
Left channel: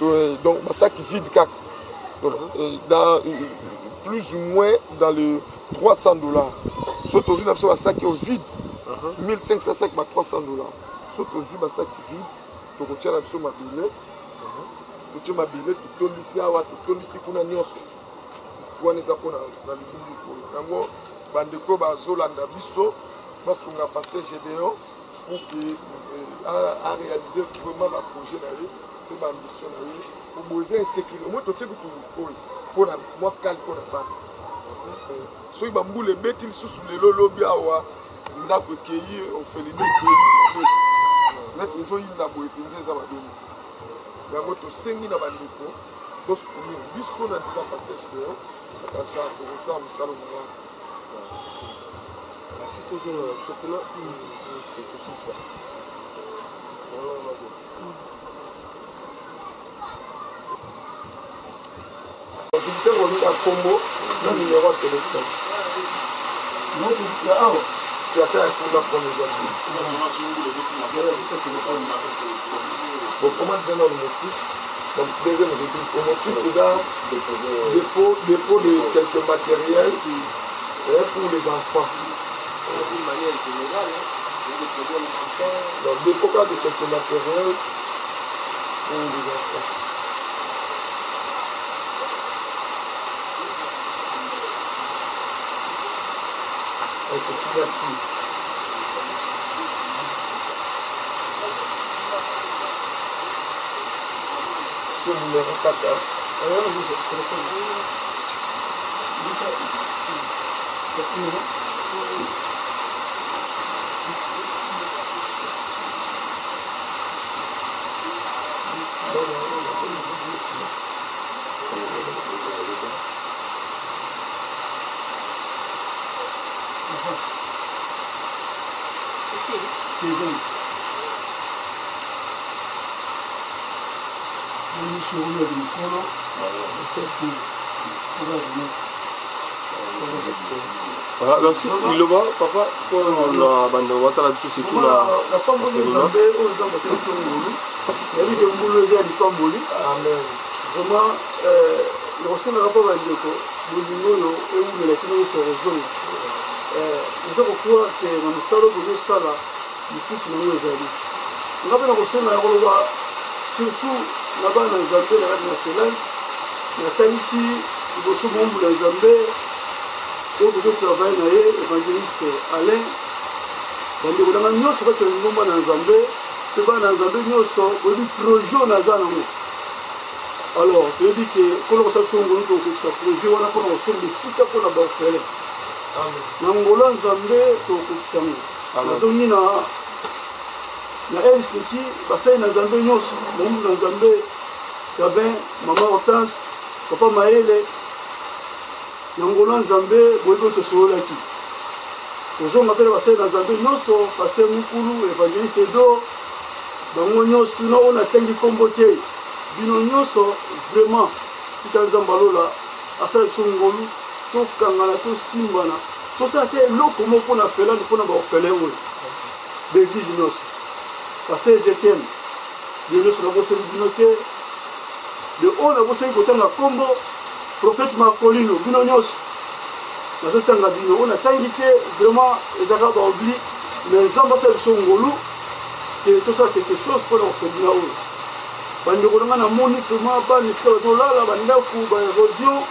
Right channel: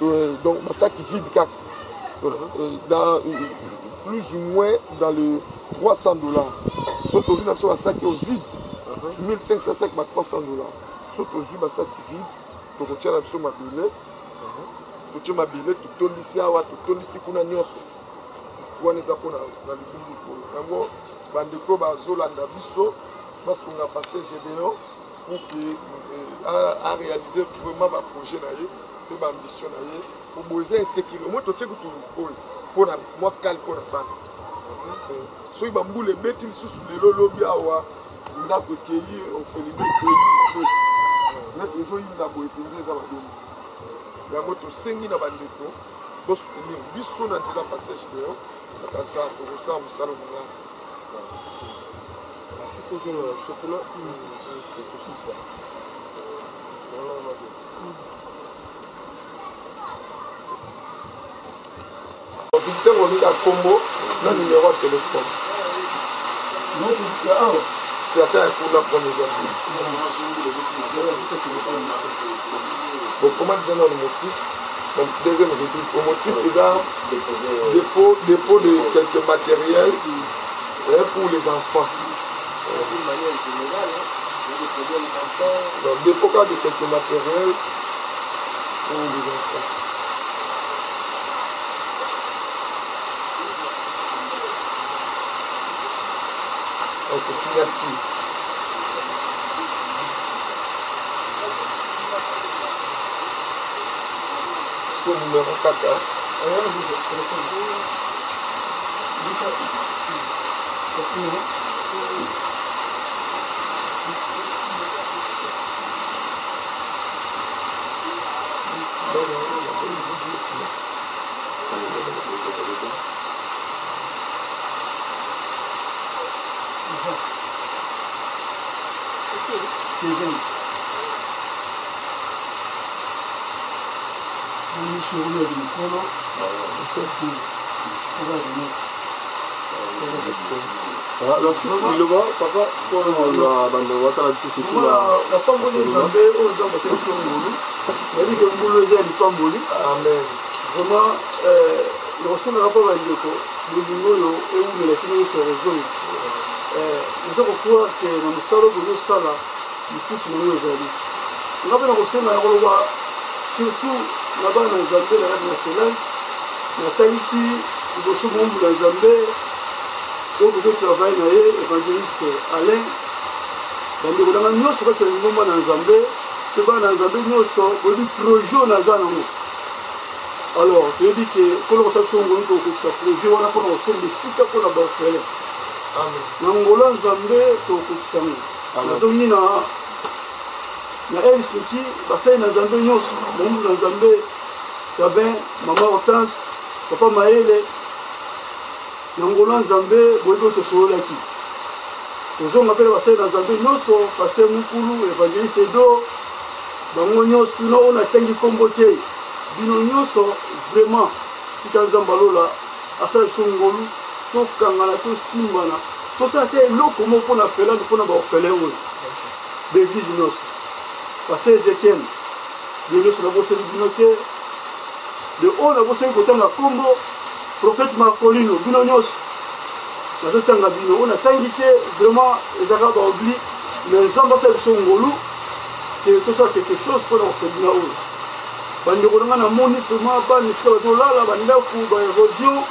oyo donc basaki vide kaka dans plus ou moins dans le $300 so tozwi na biso basaki oyo vide 1500 sac ba $300 so tozwi basaki vide tokotia na biso mabele totie mabele totondisi awa totondisi kuna nyonso wana eza mpona na libulu oyo yango bandeko bazolanda biso basunga pasteur gédéon pour que aréaliser vraiment baprojet na ye mpe baambition na ye oboye eza insécurité omoi totie kutu oyo mpona mwa kale mpona bana soki bambula ebeti lisusu lelo lobi awa ndako ekei ofelime ekei neti ezoyinda boye mpenza eza madoni yango tosengi na bandeko bosoutenir biso na ntina pasteur gédéon akanisa tokosala mosala monga sokolo tosisa visiteur olinga kombo na numéro ya téléphone ata ya kuna premier bon comment déjà dans le motif donc deuxième motif au motif déjà dépôt de quelques matériels pour les enfants d'une manière générale donc dépôt de quelques matériels pour les enfants. Donc signature. C'est le numéro 4. Il le voit, papa, pour la bande de Ouattara, c'est tout la pamboli Zambé, aux gens de sélection Moulou, il y a dit que Moulou est du pamboli. Amen. Vraiment, le ressemble à rapport à Ndeko, Moulou et où les filles se résolvent. Nous avons croire que dans le salon de nos salles, il faut que nous les amis. Nous avons ressemble à Roloa, surtout là-bas dans Zambé, la radio nationale, la Taïsi, il faut que nous les Zambé. Au bout de travail, l'évangéliste Alain, dans le gouvernement, nous sommes dans Zambé, nous sommes dans Zambé, nous sommes projet dans Zambé. Alors, je dis que quand on s'est fait un projet, on a fait des sites pour la faire. Dans Angola, Zambé, pour le na Helsinki, bassin dans Zambé, nous sommes dans Zambé, Gabin, maman Hortense, papa Maëlle. Nangola Zambé, Boyko Tosolaki. Aux hommes appellent Passé dans Zambé, Noso, Passé Mukulu, Évangéliste Edo, dans Nyos, on a Tengi Komboté. Bino Nyoso, vraiment, si tu as Zambalo là, à ça, Songolu, to Kangala, to Simbana, tout ça, c'est l'eau comment on a fait là, on a fait là, l'église Nos. Passé Ezekiel, de Nos, on a bossé le binoté, de haut, on a bossé le côté de la Combo. Prophète Marcolino, Bino Nyos, on a tangité vraiment les Arabes oublié, mais les ambassadeurs sont ngolou, et tout ça quelque chose pour leur faire bien haut. Bandi on a moni vraiment pas nisika dola la banda ku ba érosion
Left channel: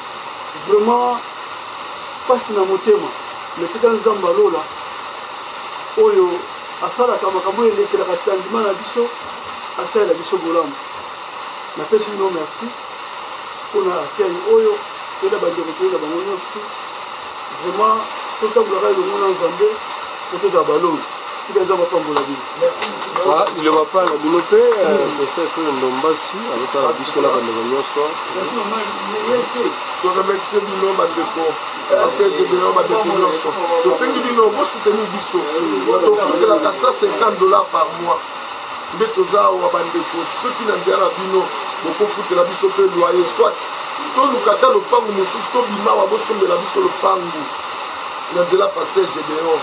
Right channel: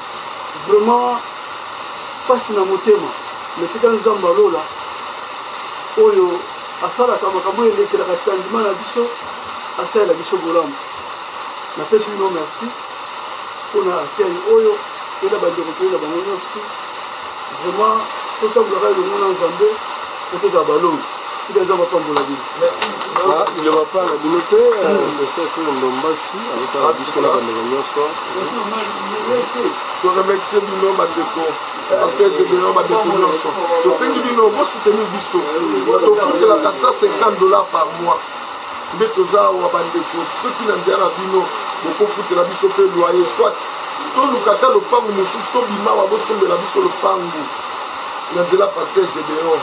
vraiment pas na motema, mais c'est quand Zambalo là, oyo asala kama kama ile kila katandima na biso, asala biso golam. Na pesi no merci. On a fait oyo et la bande de la banane vraiment tout le monde en Zambé pour tout ballon si les gens vont pas la vie. Merci. Il ne va pas la développer mais c'est que Ndombasi avec la disco la bande de soir. Merci on remercie Bino Bandeko parce que j'ai donné ma découverte to sengi Bino mo soutenir biso to foutre la $150 par mois mais toza wa Bandeko ceux qui n'ont rien à Bino beaucoup foutre la biso pe loyer soit to lukata le pangu mosusu to bima wa bosombe la biso le pangu na nzela passé Gédéon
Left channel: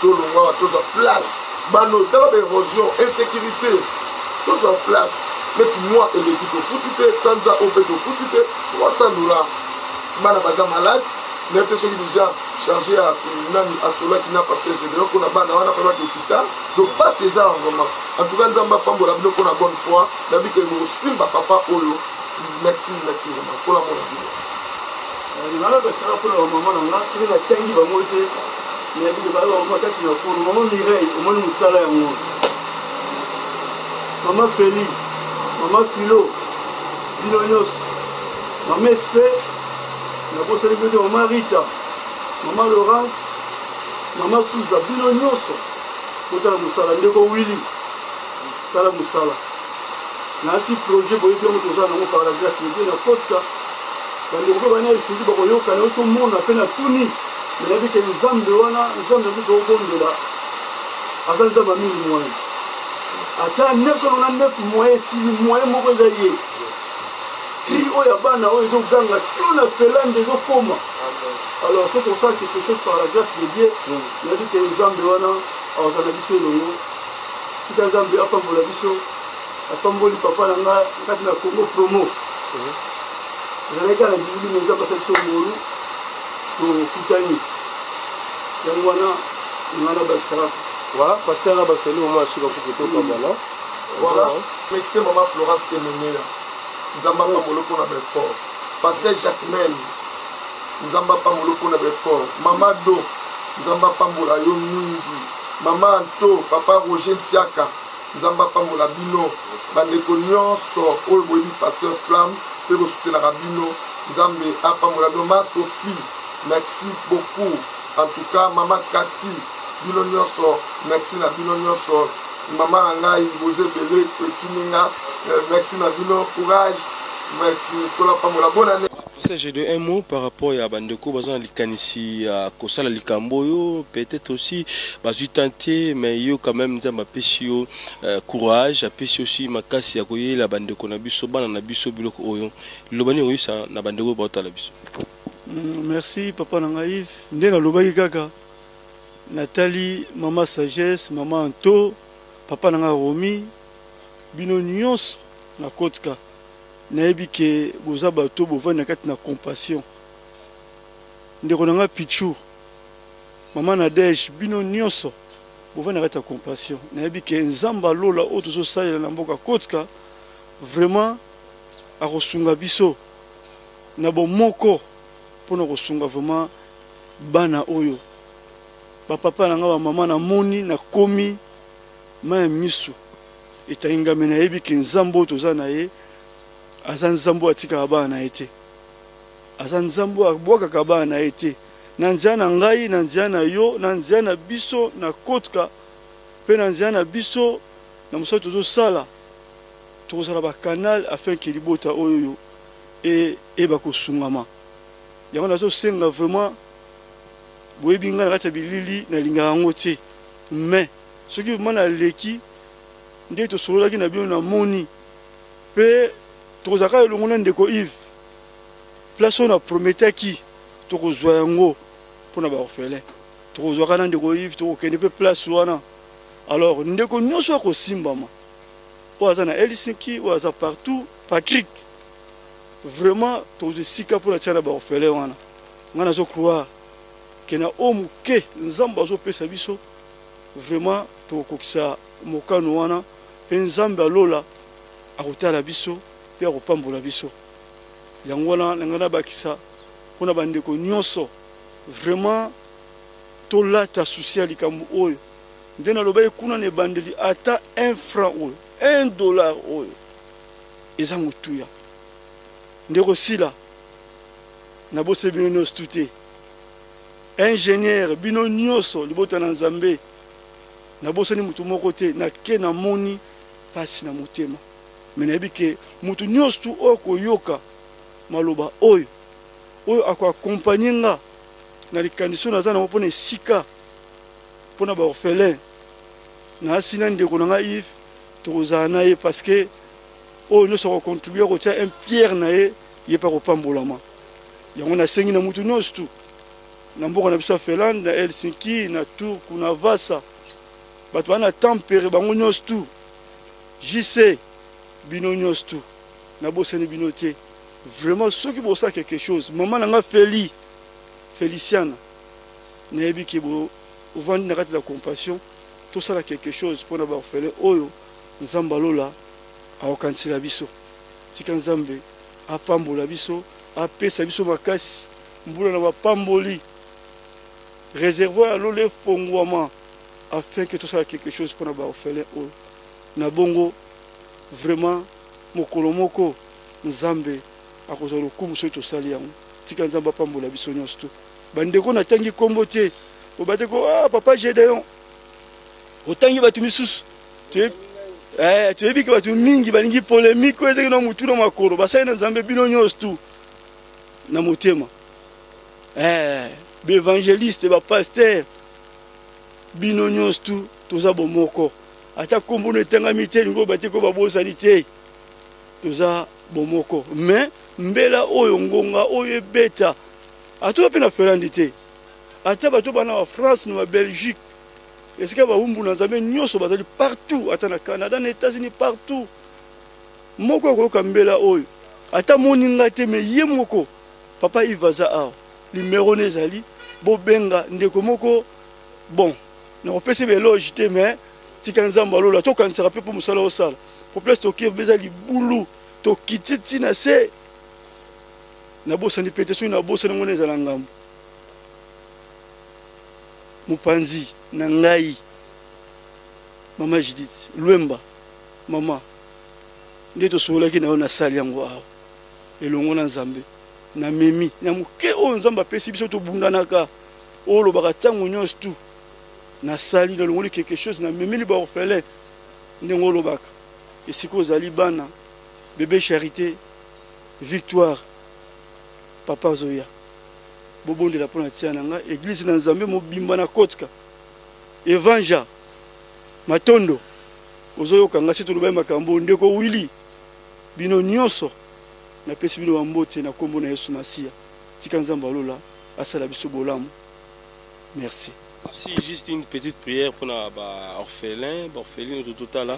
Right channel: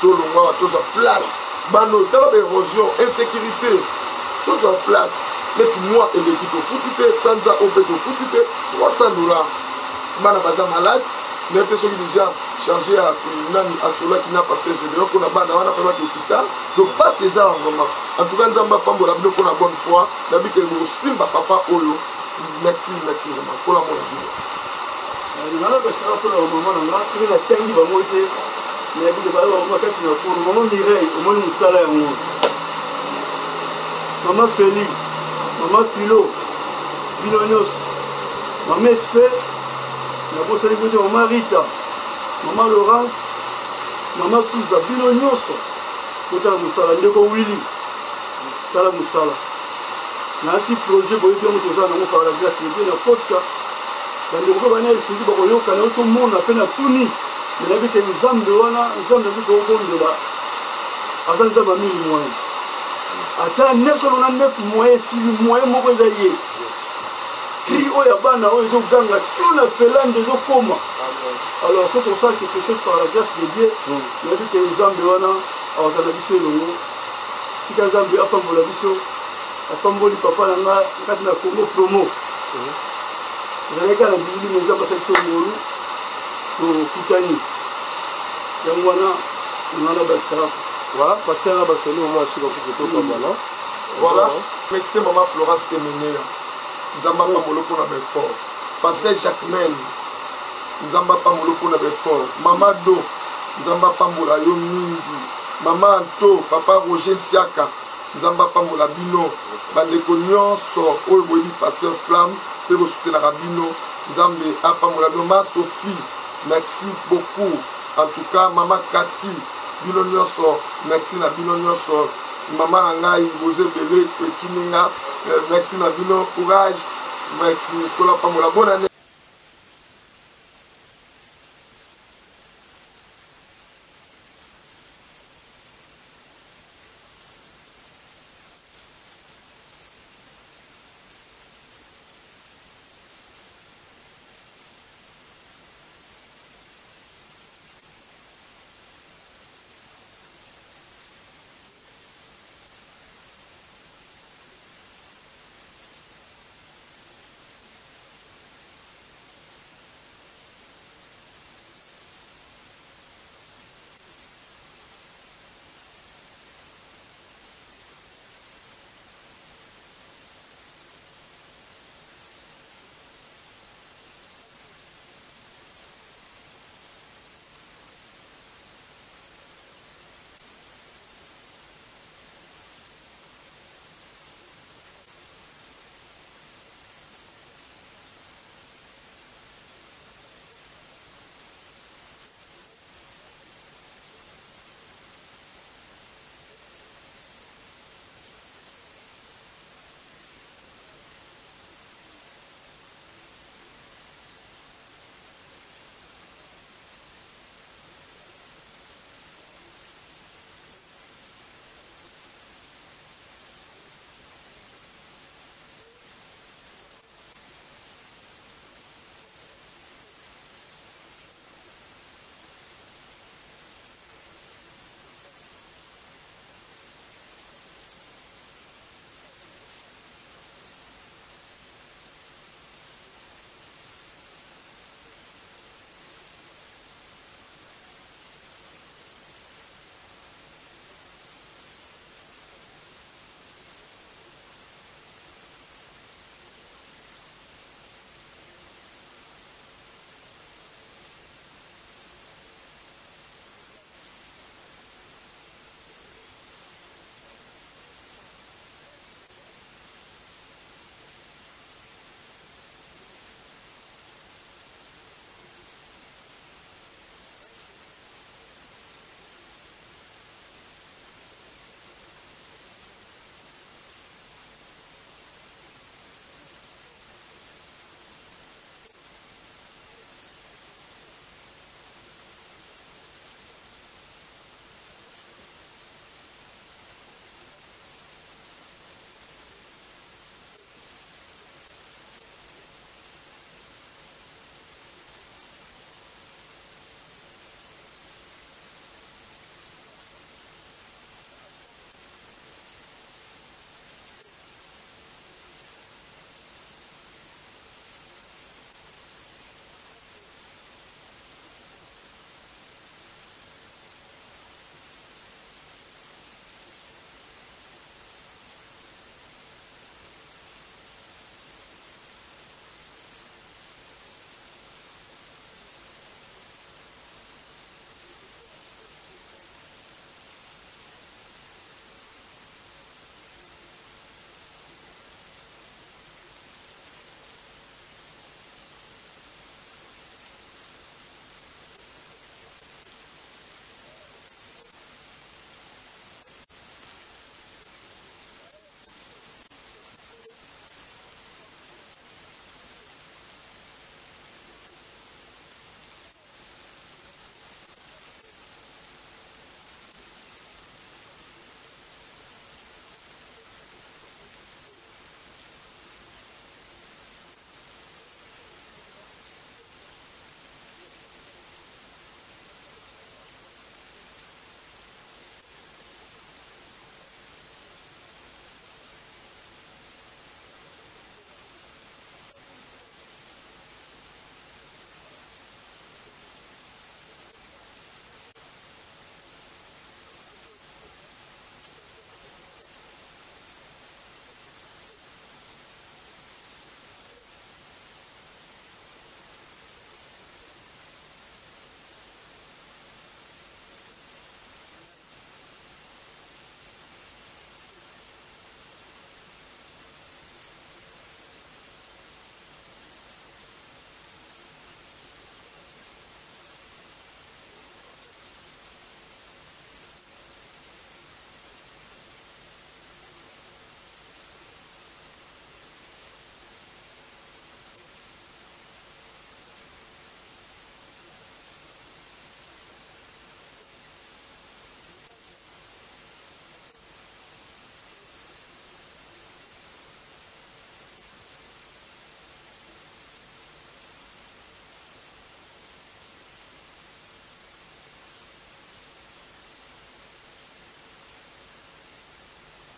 to longwa to za place bano tala érosion insécurité to za place mais moi et l'équipe au footité sanza au péto footité $300 bana baza malade mais te soki déjà chargé à nani à cela qui n'a passé Gédéon qu'on a bana wana pas l'hôpital donc pas ces armes vraiment en tout cas nzamba pambola bino qu'on a bonne foi nabi que mo simba papa olo merci vraiment pour la bonne vie. Nana basara pour le moment na ngasi na tangi ba moite mais bi ba ba makati na pour maman Mireille au moins musala yango. Maman Feli, maman Philo, Binonyos, maman Espe, na bossa de maman Rita, maman Laurence, maman Souza, Binonyos. Kota musala ndeko Willy. Tala musala. Na si projet boye bien moto za na par la grâce de Dieu na podcast bande ko bana isindi ba koyoka na to mona pe na tuni mais na bi ke nzambe wana nzambe bi ko bondola azan za mami moyen ata 999 moyen si moyen moko za ye qui oya bana oyo zo ganga tout na felande zo koma alors c'est pour ça que quelque chose par la grâce de Dieu na bi ke nzambe wana azana biso longo tika nzambe apambola biso apamboli papa nanga kati na Congo promo zaleka na bibili menza basection molu to kutani yango wana ngana bakisara voilà pasteur na baseli au moins sur le photo comme là voilà merci maman Florence Kemenela nzamba pamolo pona befort pasteur Jacquemin nzamba pamolo pona befort mama do nzamba pambola yo mingi mama Anto papa Roger Tiaka nzamba pambola bino bandeko nyonso oyo boyebi pasteur Flamme mpe bosutenaka bino nzambe apambola bino. Ma Sophie, merci beaucoup. En tout cas, Mama Kati, bino nyonso, merci na bino nyonso. Mama Nangai, Bozé Bélé, Kininga, merci na bino, courage, merci pour la pambola. Bonne année. J'ai de un mot par rapport à Bandeko, Bazan Likanisi, à Kosala Likamboyo, peut-être aussi, Bazu tenté, mais yo quand même, ma péchio, courage, à péché aussi, ma casse, à Koye, la Bandeko, Nabiso, Ban, Nabiso, Biloko, Oyon, Lobani, oui, ça, Nabandeko, Bota, Labiso. Merci, Papa Nangaïf. Ndena Lobaki Kaka, Nathalie, Maman Sagesse, Maman Anto, Papa Nanga Romi, Bino Nyons, na Kotka. Nayebi ke boza bato bovanda kati na compassion. Ndeko nanga Pichu, Mama Nadej, bino nyonso bovanda kati na compassion. Nayebi ke nzamba lola o tozo salela na mboka Kotka vraiment akosunga biso na bomoko pona kosunga vraiment bana oyo. Ba papa nanga ba mama na moni na komi ma misu. Etainga mena nayebi ke nzambo toza na ye. Azan Zambo atika bana ete. Azan Zambo abwaka kabana ete. Nanziana ngai, nanziana yo, nanziana biso na Kotka. Pe nanziana biso na musa tozo sala. Tozo la ba canal afin que libota oyo et bako sungama. Yango nazo senga vraiment boyebi ngana kata bilili na linga ngote. Mais ce qui mana leki nde to solo ki na bino na moni pe Tozaka le monde ndeko Yves. Place on a prometté qui tokozwa yango pona ba orphelin. Tozaka na ndeko Yves tokende pe place wana. Alors ndeko nyonso ko simbama. Oza na Helsinki, oza partout, Patrick. Vraiment tozo sika pour la tiana ba orphelin wana. Ngana zo croire que na omuke nzamba zo pesa biso. Vraiment tokokisa mokano wana pe nzamba lola akotala biso. Pia kopambola biso yango wana ngana bakisa pona bandeko nyonso vraiment tolata social likambo oyo ndena lobaye kuna ne bandeli ata 1 franc oyo $1 oyo eza mutuya ndeko sila na bose bino nyonso tute ingénieur bino nyonso libota na Nzambe na bose ni mutu moko te na ke na moni pasi na motema. Menabi ke mutu nyonso tu oko yoka maloba oyo ako accompagner nga na likandiso na zana mopone sika pona ba orphelin na asina ndeko nanga Yves tokozana ye parce que oyo nyonso ko contribuer ko tia un pierre na ye ye pa ko pambolama yango na sengi na mutu nyonso tu na mboka na biso Finlande na Helsinki na Turku na Vasa bato wana tempere bango nyonso tu JC bino nyonso tu na bosani bino te vraiment ceux qui bossa quelque chose maman nanga Feliciana nayebi ke bo ovandi na kati la compassion tout ça quelque chose pour na ba orphelin oyo nzamba lola aokansila biso tika nzambe apambola biso apesa biso makasi mbula na bapamboli réservoir lole fongwama afin que tout ça quelque chose pour na ba orphelin oyo na bongo vraiment mokolo moko nzambe akozala lokumu soki tosali yango tika nzambe apambola biso nyonso tu bandeko natangi kombo te obate ko papa Gédéon otangi bato misusu toyebi ke bato mingi balingi polémique oyo ezaki na mutu na makolo basali na nzambe bino nyonso tu na motema baévangéliste bapaster bino nyonso tu toza bomoko ata kombo no etangami te lingo bate ko babosani te toza bomoko mais mbela oyo ngonga oyo ebeta atoza mpe na Finlande te ata bato bana ba France na Belgique esika bawumbu na nzambe nyonso bazali partout ata na Canada na États-Unis partout moko akoyoka mbela oyo ata moninga te me ye moko papa Ivaza awa numéro nezali bobenga ndeko moko bon na kopesa beloge te mais tika nzambe alola tokanisaka mpe mpo mosala osala po place tokie beza libulu tokiti na se nabosani pete soki nabosani ngo ezala ngambo mopanzi na ngai mama Judith Lwemba mama nde tosololaki na yo nasali yango awa elongo na nzambe na memi na moke oyo nzambe apesi biso tobundanaka oyo olobaka ntango nyonso tu nasali nalongoli quelque chose na memeli baorphelin ndenge olobaka esika ozali bana bébé Charité Victoire papa Zoya bobondela mpona tia na nga église na nzambe mobimba na kotka Evanja Matondo ozoyoka nga si tolobai makambo ndeko Willy bino nyonso napesi bino bambote na kombo na Yesu Masiya tika nzambe alola asala biso bolamu. Merci. Si juste une petite prière pour orphelin, orpheline tout total.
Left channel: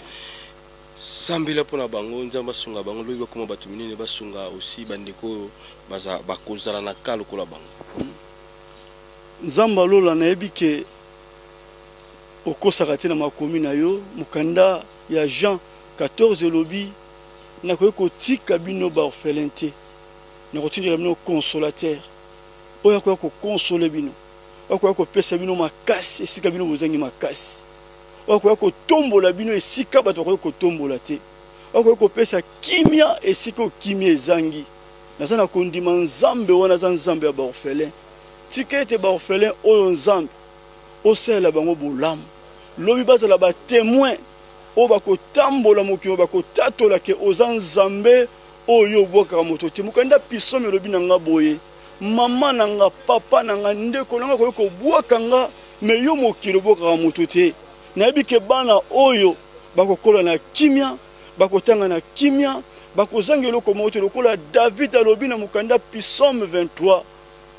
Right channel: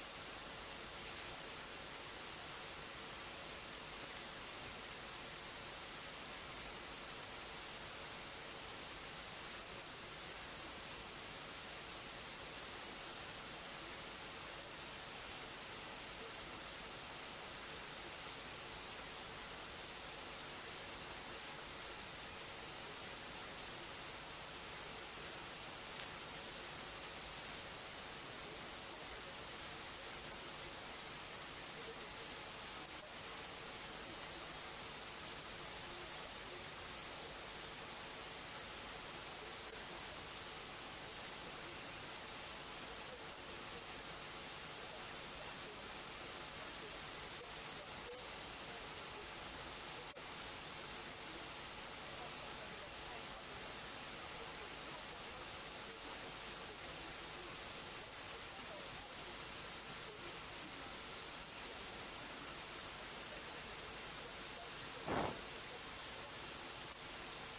Sambela pour bango nzamba sunga bango lobi bakoma batu minene basunga aussi bandeko baza bakozala na kalo kola bango. Nzamba lola na ebike okosaka te na makomi na yo mukanda ya Jean 14 lobi na kotika bino ba orphelin te. Na kotika bino consolateur. Oya ko consoler bino. Oya ko pesa bino makasi esika bino bozangi makasi. Oya ko tombola bino esika bato ko tombola te. Oya ko pesa kimia esika kimia ezangi. Naza na kondima nzambe wana za nzambe ya ba orphelin. Tikete ba orphelin oyo nzambe osela bango bolamu. Lobi bazala ba témoin o bakotambola mokio bakotatola ke oza nzambe oyo obwaka moto te mukanda piso melobi na nga boye mama na nga papa na nga ndeko na nga ko bwaka nga me yo mokilo obwaka moto te nayebi ke bana oyo bakokola na kimia bakotanga na kimia bakozanga eloko moto lokola David alobi na mukanda Psaume 23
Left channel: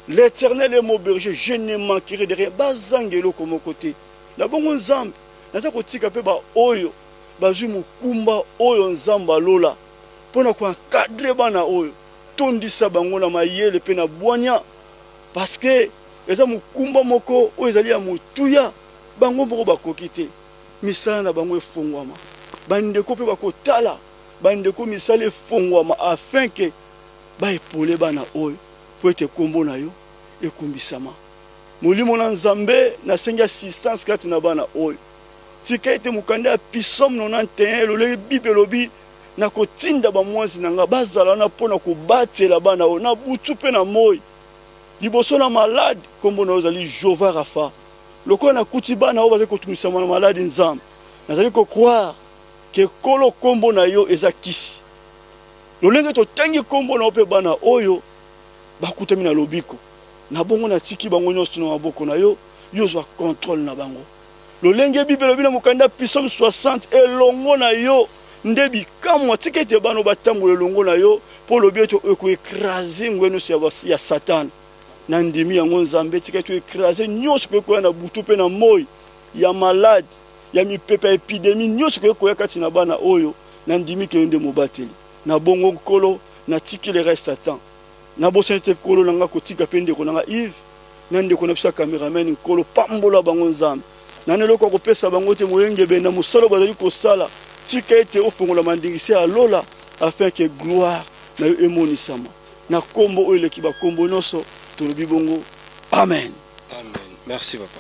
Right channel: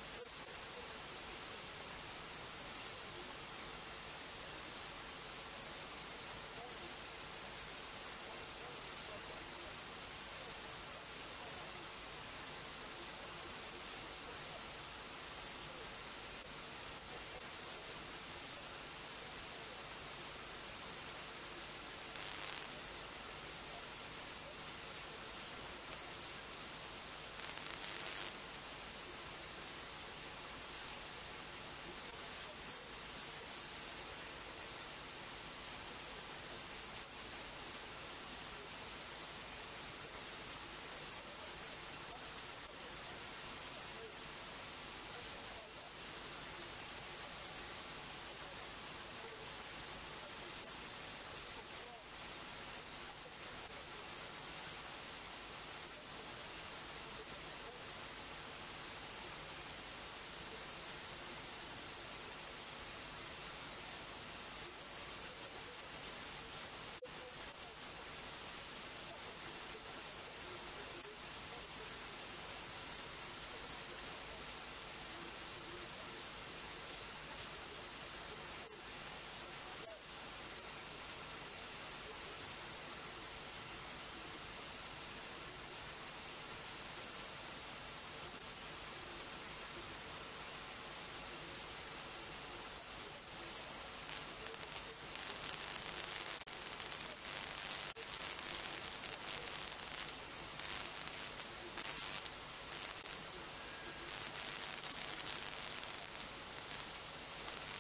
l'Éternel est mon berger je ne manquerai de rien bazanga eloko moko te na bongo nzambe naza kotika pe ba oyo bazwi mukumba oyo nzamba lola pona ko encadrer bana oyo tondisa bango na mayele pe na bwanya parce que eza mukumba moko oyo ezali ya mutuya bango moko bakoki te misala na bango efongwama bandeko pe bakotala bandeko misala efongwama afin que baepole bana oyo po ete kombo na yo ekumbisama molimo na nzambe nasengi assistance kati na bana oyo tika ete mukanda ya Psaume 91 loleki Bible lobi na kotinda bamwanzi na nga bazala na pona kobatela bana oyo na butu pe na moi liboso na malade kombo na ozali Jova Rafa lokola na kuti bana oyo bazali kotumisama na malade nzambe nazali kokroire ke kolo kombo na yo eza kisi lolenge totangi kombo na ope bana oyo bakutami na lobiko na bongo na tiki bango nyonso na maboko na yo yozwa contrôle na bango lolenge Bible lobi na mukanda Psaume 60 elongo na yo ndebi kamwa tikete bano batambola elongo na yo po lobi ete ekoekraser ngweno ya Satan na ndimi yango nzambe tikete ekraser nyonso koya na butu pe na moi ya malade ya mipepe epidemie nyonso koya kati na bana oyo na ndimi ke nde mobateli na bongo kolo na tikile reste Satan na bosete kolo nanga kotika pe ndeko nanga Yves na ndeko na bisa cameraman kolo pambola bango nzambe na neloko kopesa bango te moyenge benda musolo bazali kosala tika ete ofongola mandingisi ya lola afin que gloire na yo emonisama na kombo oyo leki ba kombo nyonso tolobi bongo amen. Amen. Merci papa.